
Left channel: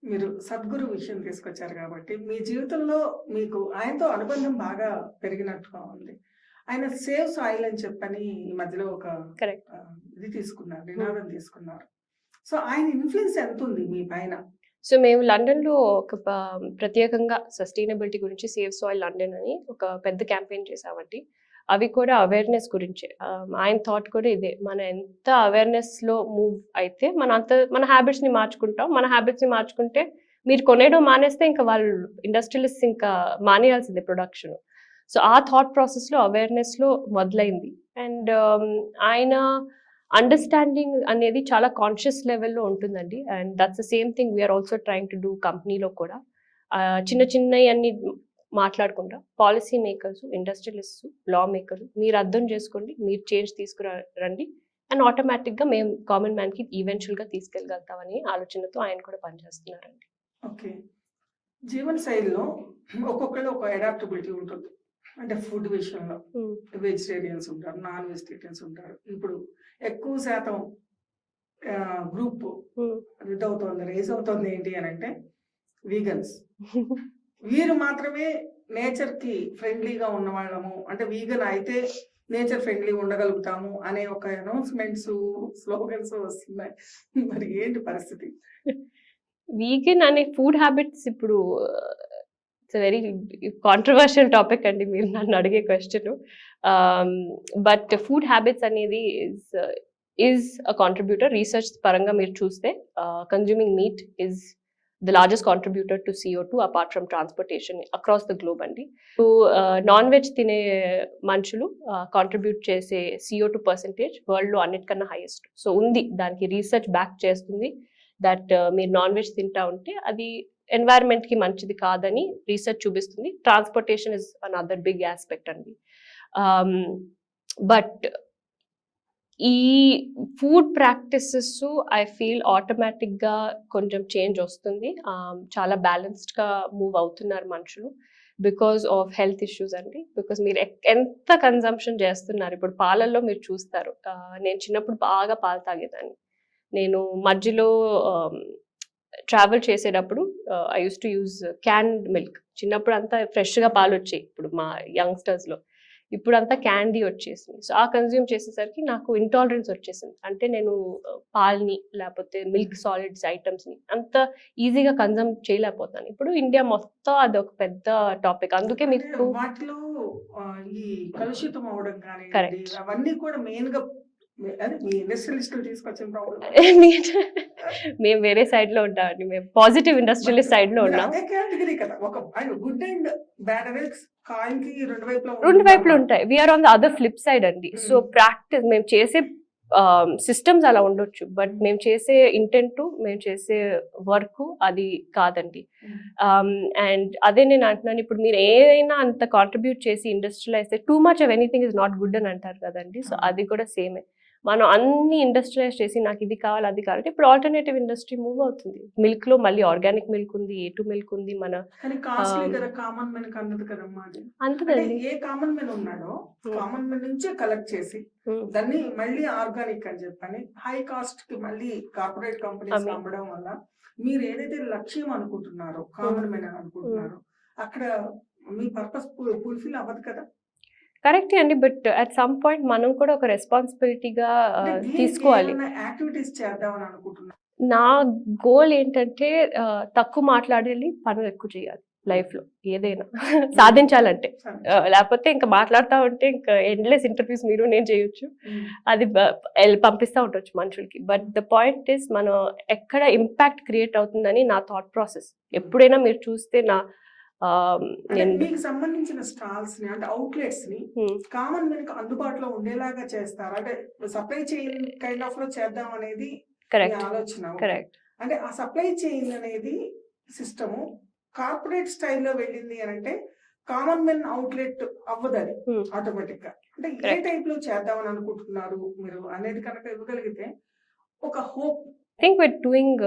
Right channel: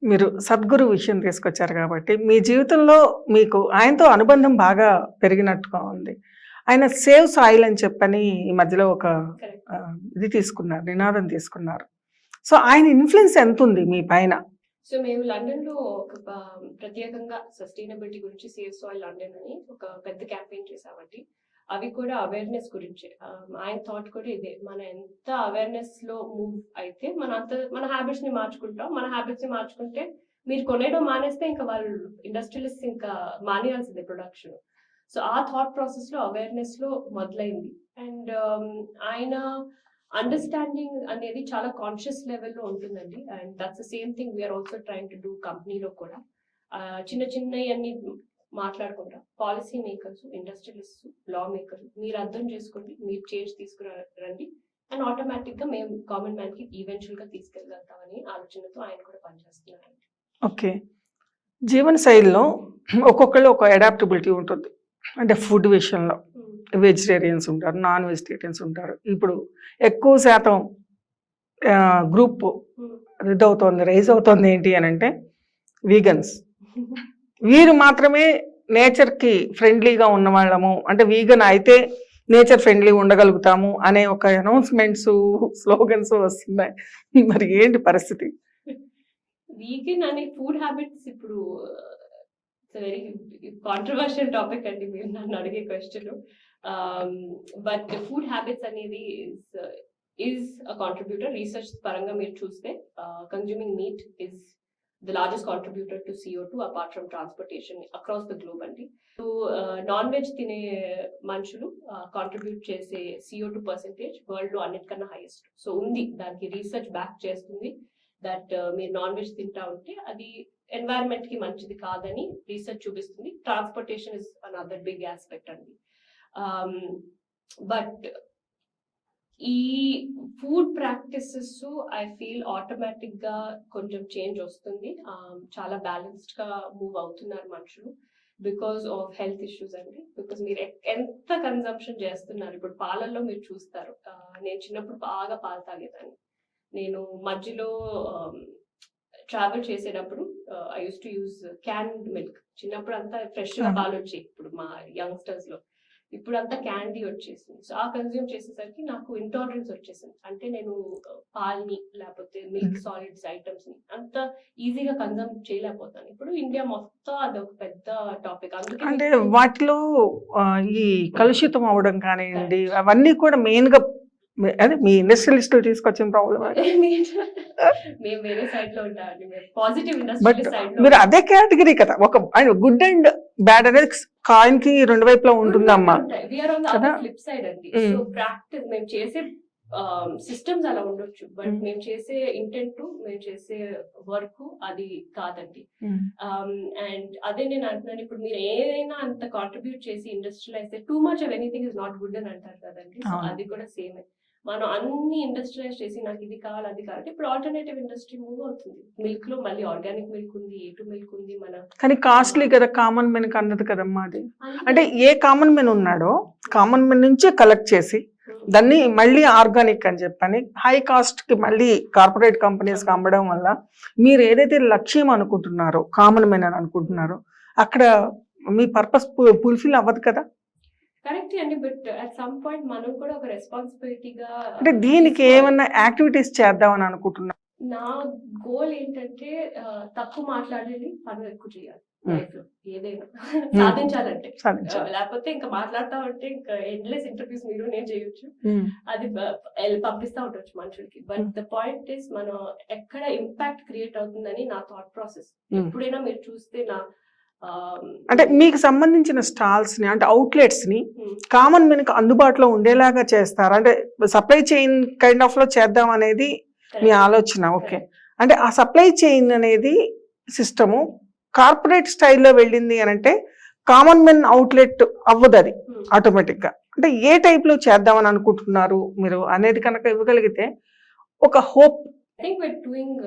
మీరు సద్గురు విషయం తీసుకొచ్చారు కాబట్టి మీ జీవితంలో మీకు ఆయనతో అనుబంధం బాగా పెరిగినట్టుగా ఉంది. ఆయన సేవ్ సాయిల్ అని చెప్పని ఈ మధ్యలో ఒక కరెక్ట్. ఇది తీసుకున్నారు, నినాదం తీసుకున్నారు. సో ఆయన ఇన్ఫ్లుయెన్స్ ఎంత ఉంది మీ పైన? సో మేము లండన్లో ఒక ప్రత్యేకంగా సస్టైనబిలిటీ గురించి సేవ్ సాయిల్ లండన్ అని ఒక పెద్ద క్యాంపెయిన్ చేసామండి. అవి కూడా అవేర్నెస్ గురించే. ఆయన థాట్ కూడా ఇదే, మనం ఎంత అవేర్నెస్లో మూవ్ అయితే మన హ్యాబిట్స్ని మార్చుకుంటాం. మన హ్యాబిట్స్ని మార్చుకుంటే మీరు కొనేయడం మానేస్తే ఇంకా వాళ్ళు ఇండస్ట్రియలిస్ట్ ఇంకా మానేయాల్సిందే ప్రొడక్షన్. సో ఆ థాట్ ప్రాసెస్లో అవేర్నెస్లో మొదలైంది. అండ్ ఆయన అండర్స్టాండింగ్ అనేది చాలా కాన్షియస్ లెవెల్లో ఉంటుందండి. And that's the same thing we're also trying to do కంపెనీలో కూడా. చిన్నవి అన్ని మాట్లాడకుండా policy makers, industrialist, law makers మీరు అర్థం చేసుకోండి, మీరు చేంజ్ తీసుకురండి, అండ్ ఆటోమేటిక్గా మేము కామన్ మ్యాన్కి ఈవెన్చువల్గా తీసుకెళ్ళగలుగుతామని ఆలోచనతో ఆయన కూడా పనిచేస్తున్నారండి. ఓకే. జీవన శైలిలో ఒక్కొక్కళ్ళు ఒక అడాప్టబిలిటీ ఉంటుంది. అంటే ఫుడ్ విషయంలో వెజిటేరియన్స్ ఉంటారు, నాన్ వెజిటేరియన్స్ ఉంటారు. ఇప్పుడు ఎక్కువ శాతం గ్రూప్ రైజ్ అవుతుంది ఏంటి అని అంటే వీగన్స్. వీరు మాత్రమే నేచర్కి ఫ్రెండ్లీగా ఉన్న వాళ్ళము, అంటే వీగన్ అయితే నేచర్ ఫ్రెండ్లీ ఉండగలుగుతాము అనే ఒక అనౌన్స్మెంట్స్, స్లోగన్స్ వస్తున్నాయి. మరి ఏంటి పరిస్థితి? వీగన్ అనే ఫుడ్ హ్యాబిట్స్ ఇప్పుడు ఇట్స్ వెరీ కాంట్రవర్షియల్ టాపిక్ అండి మీరు నన్ను అడిగే క్వశ్చన్. బట్ ఫుడ్ హ్యాబిట్స్ అనేది ఈజ్ అ కాంట్రిబ్యూటర్. రీసెర్చ్ పరంగా మీరు చూస్తే consuming meet is the largest contributor to CO2 apart from transportation across the globe అండి. నాన్ వెజ్ తినే మనుషులు కాంట్రిబ్యూట్ చేసే CO2 పర్సెంటేజ్ వరల్డ్లో అన్నిటికన్నా హైయెస్ట్. సో ఉంది, దానికి రీసెర్చ్ బ్యాక్ చేస్తుంది దట్ మీరు నాన్ వెజ్ తింటా ఉంటే అది ఎన్వైరన్మెంట్కి మంచిది కాదని రీసెర్చ్ చూపిస్తుంది. Transportation is another big aspect అండి. బట్ ఈ ఫుడ్ ప్రాక్టీసెస్ ఐ ఫీల్ ఆటోమేటిక్గా కొంచెం చేంజ్ వస్తుంది. చాలా బ్యాలెన్స్డ్గా మూవ్ అవుతున్నారు మనుషులు బికాస్ ఆఫ్ హెల్త్ ఇష్యూస్ అండి. బికాస్ మీరు ఎంత కన్జంప్షన్ చేస్తున్నారు. ఇప్పుడు పాలల్లో మీరు చూస్తారు, నేను చిన్నప్పుడు బాగా పాలు తాగేదాన్ని. నేను మధ్యలో ట్రావెల్ చేసేటప్పుడు I use to use canned milk. చిన్నప్పుడు అంతా ఫ్రెష్గా పాలు వచ్చాయి. ఇప్పుడు మా యంగ్స్టర్స్లో ఇప్పుడు అంతా క్యాండీ వచ్చేసింది. సో ఆ కన్జ్యూమ్ చేసేసరికి నాకు ఇంటాలరెన్స్ వచ్చేసింది. అంటే నేను పాల్ని లేకపోతే మిల్క్ సాలిడ్స్ ఐటమ్స్ని అంత ఈజీగా కన్జ్యూమ్ చేయలేకపోతాను. ఇప్పుడు ఇండియా మొత్తం అది ఒక పెద్ద టాపిక్. అందుకే వాటిలో ఈ కలుషితం అవడం కానివ్వండి, అవన్నీ కూడా మెయిన్గా అదే మీ ఇండస్ట్రియలిస్టులు తీసుకొచ్చిన ప్రాబ్లం. మేము వేరే సైడ్ లో ఉంటామండి, మేము పాజిటివ్ ఇండస్ట్రియలిస్ట్ సైడ్ లో. అదే కేటగిరీ కదా, ఒక గుడ్ అండ్ బ్యాడ్ అనేది కాయిన్ కి రెండు వైపులా ఉంటాయి. We're on the other flip side అండి. సో ప్రాక్టీస్ మేము చేసే సిస్టమ్స్ అలా ఉండొచ్చు, బట్ మేము చేసే ఇంటెంట్, మేము చేసే వర్క్ అది కాదండి. అండ్ అదే నేను అంటున్నాను, ఇప్పుడు మీరు ఏదైనా అంత కాంట్రిబ్యూట్ చేసి industrialise too much of anything is not good అని అంటారు కదండి. సో అది కూడా సేమే. మనం అన్ని ఇండస్ట్రియలైజ్ చేసి నాకు ఇది కావాలి అది కావాలి. ఇప్పుడు ఆల్టర్నేటివ్ ఇండస్ట్రీ మూవ్ అవుతుంది. మిల్క్ లో మళ్ళీ ఆర్గానిక్ మిల్క్ ఉంది, A2 మిల్క్ ఉంది. మన కానీ కాస్ట్లీ కదా కామన్ మెన్ అన్నది కదమ్మా అది. అంటే ఏ కామన్ మెన్ ఉన్నాడో కామన్ మెన్ నుంచే కలెక్ట్ చేసి దాన్ని మళ్ళీ ఆర్గానిక్ అని చెప్పని హై కాస్ట్ కి మళ్ళీ కార్పొరేట్ కంపెనీస్ కి అమ్మడం వల్ల మీరు ఏదైతే లక్ష్యం అనుకుంటున్నారో, కామన్ మెన్ అని అనుకుంటున్నారో, అక్కడ మీ పర్పస్ ఫుల్ఫిల్ అవ్వదు కదా. కరెక్ట్ అండి, బట్ అట్ సమ్ పాయింట్ మనం కూడా ఒక రెస్పాన్సిబిలిటీగా దీనికి ఏమన్నా యాక్టివిటీస్ చేద్దామని అనుకుంటున్నా. నా గోల్ ఏంటంటే తక్కువ మాట్లాడాలి, పనులు ఎక్కువ చేయాలి. లైఫ్ లో ఏదైనా సాధించాలంటే. సాధించాలి. లేకపోతే ఇంకా మాట్లాడుతూ ఉంటే ఇంకా ఎండ్లెస్ ఇంటర్వ్యూస్ మీరు నేను చేయొచ్చు, అది పంపిస్తూ ఉండొచ్చు మనుషులకి. బట్ ద పాయింట్ ఇస్ మనం ఎక్కడ ఇంపాక్ట్ క్రియేట్ అవుతుందని నా థాట్ ప్రాసెస్. ఎప్పుడైనా మీరు చూస్తే నా అంటే మీకు సంబంధించిన స్టాల్స్ ని అంటే అవుట్లెట్స్ ని కామన్ మనకు అందుబాటులో ఉండేలాగా చేస్తారు, అంటే సప్లై చైన్ కైండ్ ఆఫ్ లో చేద్దాం అనేది మీ ఆలోచన. ఓకే, అంటే ఆ సప్లై చైన్ అనేది సిస్టము కార్పొరేట్ స్టైల్లో వెళ్ళింది అని అంటే కామన్ మెన్ అవుట్లెట్ అవ్వదు అది ఆటోమేటిక్ గా. అంటే ఏ టైప్ లో చేద్దామని అనుకుంటున్నారు మీరు అనేది కనుక ఇవ్వగలిగితే ఒక hope. I think we're doing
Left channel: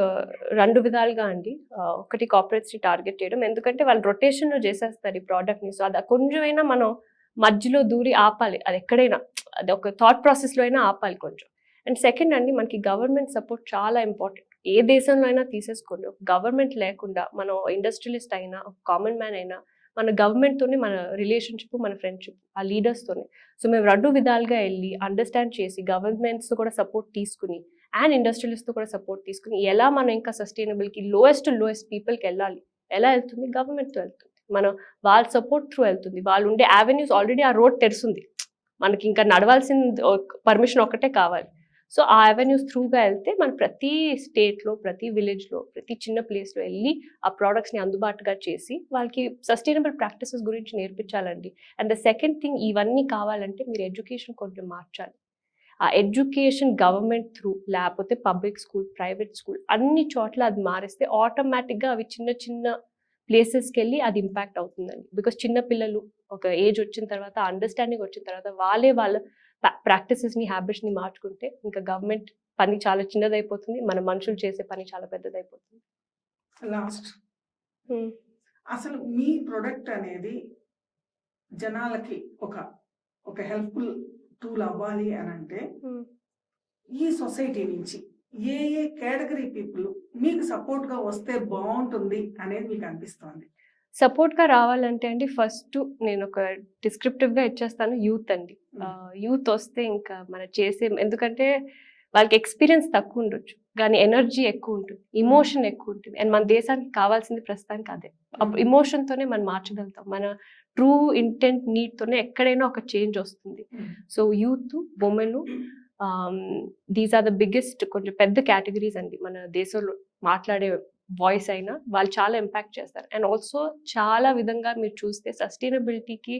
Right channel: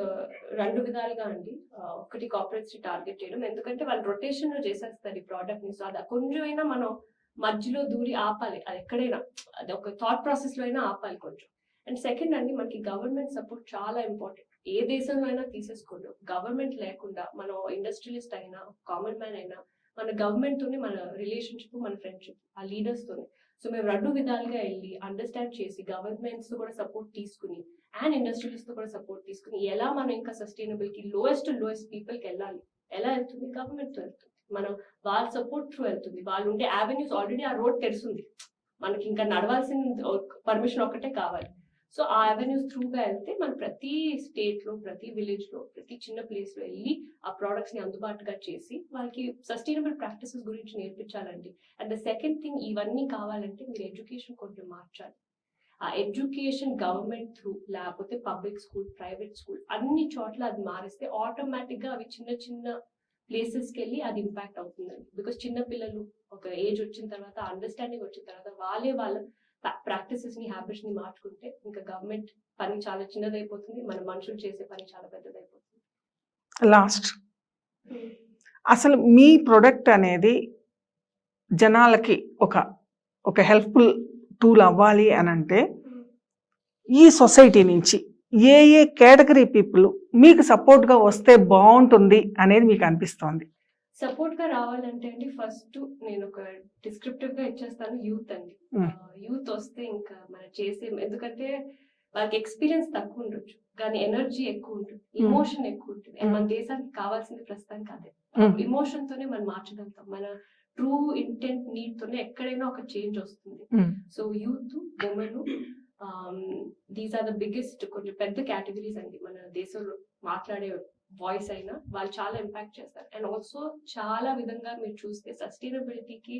రెండు విధాలుగా అండి. ఒకటి కార్పొరేట్స్ ని టార్గెట్ చేయడం, ఎందుకంటే వాళ్ళు రొటేషన్ చేసేస్తారు ఈ ప్రోడక్ట్ ని. సో అది కొంచెమైనా మనం మధ్యలో దూరి ఆపాలి, అది ఎక్కడైనా, అది ఒక థాట్ ప్రాసెస్ లో అయినా ఆపాలి కొంచెం. అండ్ సెకండ్ అండి, మనకి గవర్నమెంట్ సపోర్ట్ చాలా ఇంపార్టెంట్. ఏ దేశంలో అయినా తీసేసుకోండి, ఒక గవర్నమెంట్ లేకుండా మనం ఇండస్ట్రియలిస్ట్ అయినా కామన్ మ్యాన్ అయినా మన గవర్నమెంట్ తోనే మన రిలేషన్షిప్, మన ఫ్రెండ్షిప్ ఆ లీడర్స్ తోనే. సో మేము రెండు విధాలుగా వెళ్ళి అండర్స్టాండ్ చేసి గవర్నమెంట్స్ కూడా సపోర్ట్ తీసుకుని అండ్ ఇండస్ట్రియలిస్ట్ తో కూడా సపోర్ట్ తీసుకుని ఎలా మనం ఇంకా సస్టైనబుల్ కి లోయెస్ట్ పీపుల్కి వెళ్ళాలి. ఎలా వెళ్తుంది? గవర్నమెంట్ తో వెళ్తుంది, మనం వాళ్ళ సపోర్ట్ త్రూ వెళ్తుంది. వాళ్ళు ఉండే యావెన్యూస్ ఆల్రెడీ ఆ రోడ్ తెరుస్తుంది, మనకి ఇంకా నడవాల్సిన పర్మిషన్ ఒక్కటే కావాలి. సో ఆ అవెన్యూస్ త్రూగా వెళ్తే మనం ప్రతి స్టేట్లో, ప్రతి విలేజ్లో, ప్రతి చిన్న ప్లేస్లో వెళ్ళి ఆ ప్రోడక్ట్స్ని అందుబాటుగా చేసి వాళ్ళకి సస్టైనబుల్ ప్రాక్టీసెస్ గురించి నేర్పించాలండి. అండ్ ద సెకండ్ థింగ్, ఇవన్నీ కావాలంటే మీరు ఎడ్యుకేషన్ కొంచెం మార్చాలి. ఆ ఎడ్యుకేషన్ గవర్నమెంట్ త్రూ, లేకపోతే పబ్లిక్ స్కూల్, ప్రైవేట్ స్కూల్, అన్ని చోట్ల అది మారిస్తే ఆటోమేటిక్గా అవి చిన్న చిన్న ప్లేసెస్కి వెళ్ళి అది ఇంపాక్ట్ అవుతుందండి. బికాస్ చిన్న పిల్లలు ఒక ఏజ్ వచ్చిన తర్వాత, అండర్స్టాండింగ్ వచ్చిన తర్వాత వాళ్ళ ప్రాక్టీసెస్ని, హ్యాబిట్స్ని మార్చుకుంటే ఇంకా గవర్నమెంట్ పని చాలా చిన్నదైపోతుంది, మన మనుషులు చేసే పని చాలా పెద్దదైపోతుంది. లాస్ట్, అసలు మీ ప్రొడక్ట్ అనేది జనాలకి ఒక హెల్ప్ఫుల్ టూల్ అవ్వాలి అని అంటే ఈ సొసైటీ నుంచి ఏ కేటగిరీ పీపుల్ మీకు సపోర్ట్గా వస్తే బాగుంటుంది అనేది మీకు అనిపిస్తోంది? సపోర్ట్గా రావాలంటే అండి, ఫస్ట్ నేను ఒక డిస్క్రిప్టివ్గా ఇచ్చేస్తాను, యూత్ అండి. యూత్ వస్తే ఇంకా మనం ఎందుకంటే వాళ్ళకి ఎక్స్పీరియన్స్ తక్కువ ఉండొచ్చు కానీ ఎనర్జీ ఎక్కువ ఉంటుంది, ఇమోషన్ ఎక్కువ ఉంటుంది. అండ్ మన దేశానికి కావాల్సింది ప్రస్తుతానికి అదే. ఇమోషన్తోనే మనం మార్చగలుగుతాం, మన ట్రూ ఇంటెంట్ నీడ్తోనే ఎక్కడైనా ఒక చేంజ్ వస్తుంది. So youth, women, these are the biggest, కొంచెం పెద్ద కేటగిరీస్ అండి మన దేశంలో. మాట్లాడే వాయిస్ అయినా వాళ్ళు చాలా ఇంపాక్ట్ చేస్తారు. అండ్ ఆల్సో చాలా విధంగా మీరు చూస్తే సస్టైనబిలిటీకి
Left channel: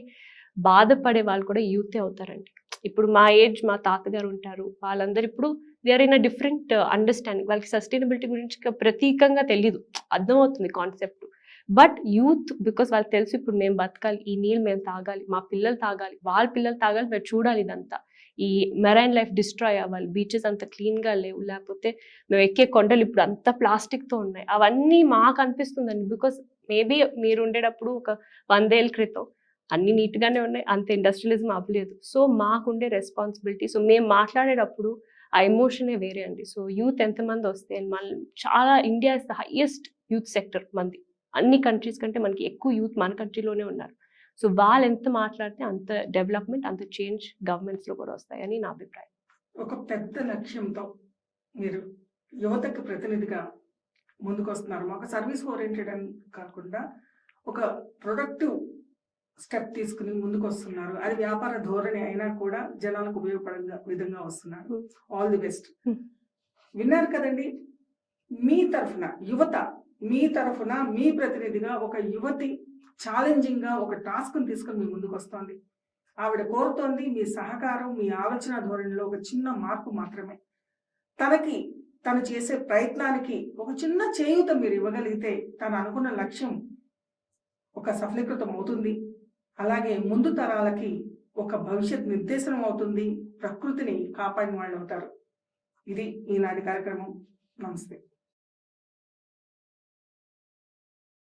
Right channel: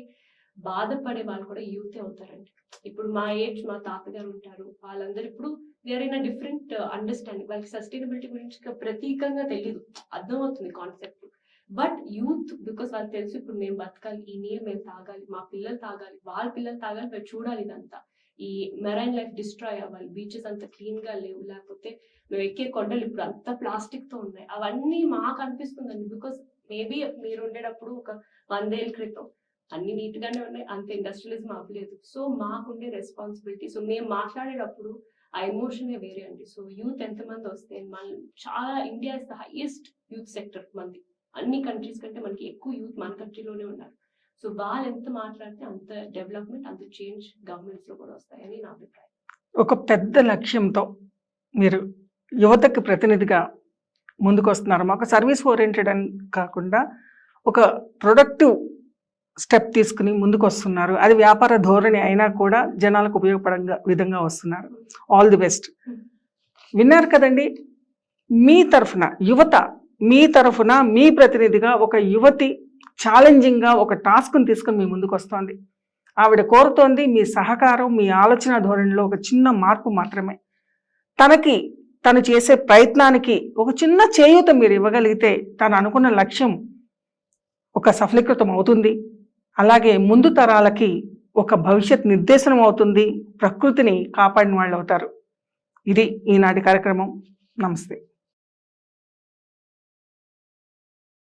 బాధపడే వాళ్ళు కూడా యూతే అవుతారండి. ఇప్పుడు మా ఏజ్, మా తాతగారు ఉంటారు, వాళ్ళందరూ ఇప్పుడు they are in a different understanding. వాళ్ళకి సస్టైనబిలిటీ గురించి ప్రతీకంగా తెలియదు, అర్థమవుతుంది కాన్సెప్ట్. బట్ యూత్, బికాస్ వాళ్ళకి తెలుసు ఇప్పుడు మేము బతకాలి, ఈ నీళ్ళు మేము తాగాలి, మా పిల్లలు తాగాలి, వాళ్ళ పిల్లలు తాగాలి, మేము చూడాలి ఇదంతా. ఈ మెరైన్ లైఫ్ డిస్ట్రాయ్ అవ్వాలి, బీచెస్ అంత క్లీన్గా లేవు, లేకపోతే మేము ఎక్కే కొండలు ఇప్పుడు అంత ప్లాస్టిక్తో ఉన్నాయి. అవన్నీ మాకు అనిపిస్తుందండి. బికాస్ మేబీ మీరు ఉండేటప్పుడు ఒక 100 ఏళ్ళ క్రితం అన్ని నీట్గానే ఉన్నాయి, అంత ఇండస్ట్రియలిజం అవ్వలేదు. సో మాకుండే రెస్పాన్సిబిలిటీ, సో మేము మాట్లాడేటప్పుడు ఆ ఎమోషనే వేరే అండి. సో యూత్ ఎంతమంది వస్తే, మన చాలా, India is the highest youth sector మంది, అన్ని కంట్రీస్ కంటే మనకి ఎక్కువ యూత్ మన కంట్రీలోనే ఉన్నారు. సో వాళ్ళు ఎంత మాట్లాడితే అంత డెవలప్మెంట్, అంత చేంజ్ గవర్నమెంట్స్లో కూడా వస్తాయని నా అభిప్రాయం. ఒక పెద్ద లక్ష్యంతో మీరు యువతకు ప్రతినిధిగా ముందుకు వస్తున్నారు. మాకు సర్వీస్ ఓరియంటెడ్ అని కాకుండా ఒక ప్రొడక్టివ్ స్టెప్ తీసుకుని ముందుకు వస్తున్నారు. అది వ్యాపార ధోరణి అయినా కూడా జనాలకు ఉపయోగపడే విధంగా వస్తున్నారు. All the best. విన్నారు కదండి, మీ తరఫున యువత, మీ తరఫున మీ ప్రతినిధిగా ఒక యువతి ఛాలెంజింగ్గా ఒక టాస్క్ని తీసుకుని మీ ముందుకు వస్తోంది. ఆవిడ కోరుతోంది మీ సహకారం, మీ ఆలోచన ధోరణిలో ఒక చిన్న మార్పు మాత్రమే. తను చేసే ప్రయత్నానికి ఒక చిన్న చేయూత మీరు ఇవ్వగలిగితే తను అనుకున్న లక్ష్యం ఒక సఫలీకృతం అవుతుంది. అలాగే ముందు తరాలకి ఒక భవిష్యత్ నిర్దేశనం అవుతుంది, ప్రకృతిని కాపాడిన వాళ్ళు అవుతారు. ఇది ఈనాటి కార్యక్రమం. నమస్తే.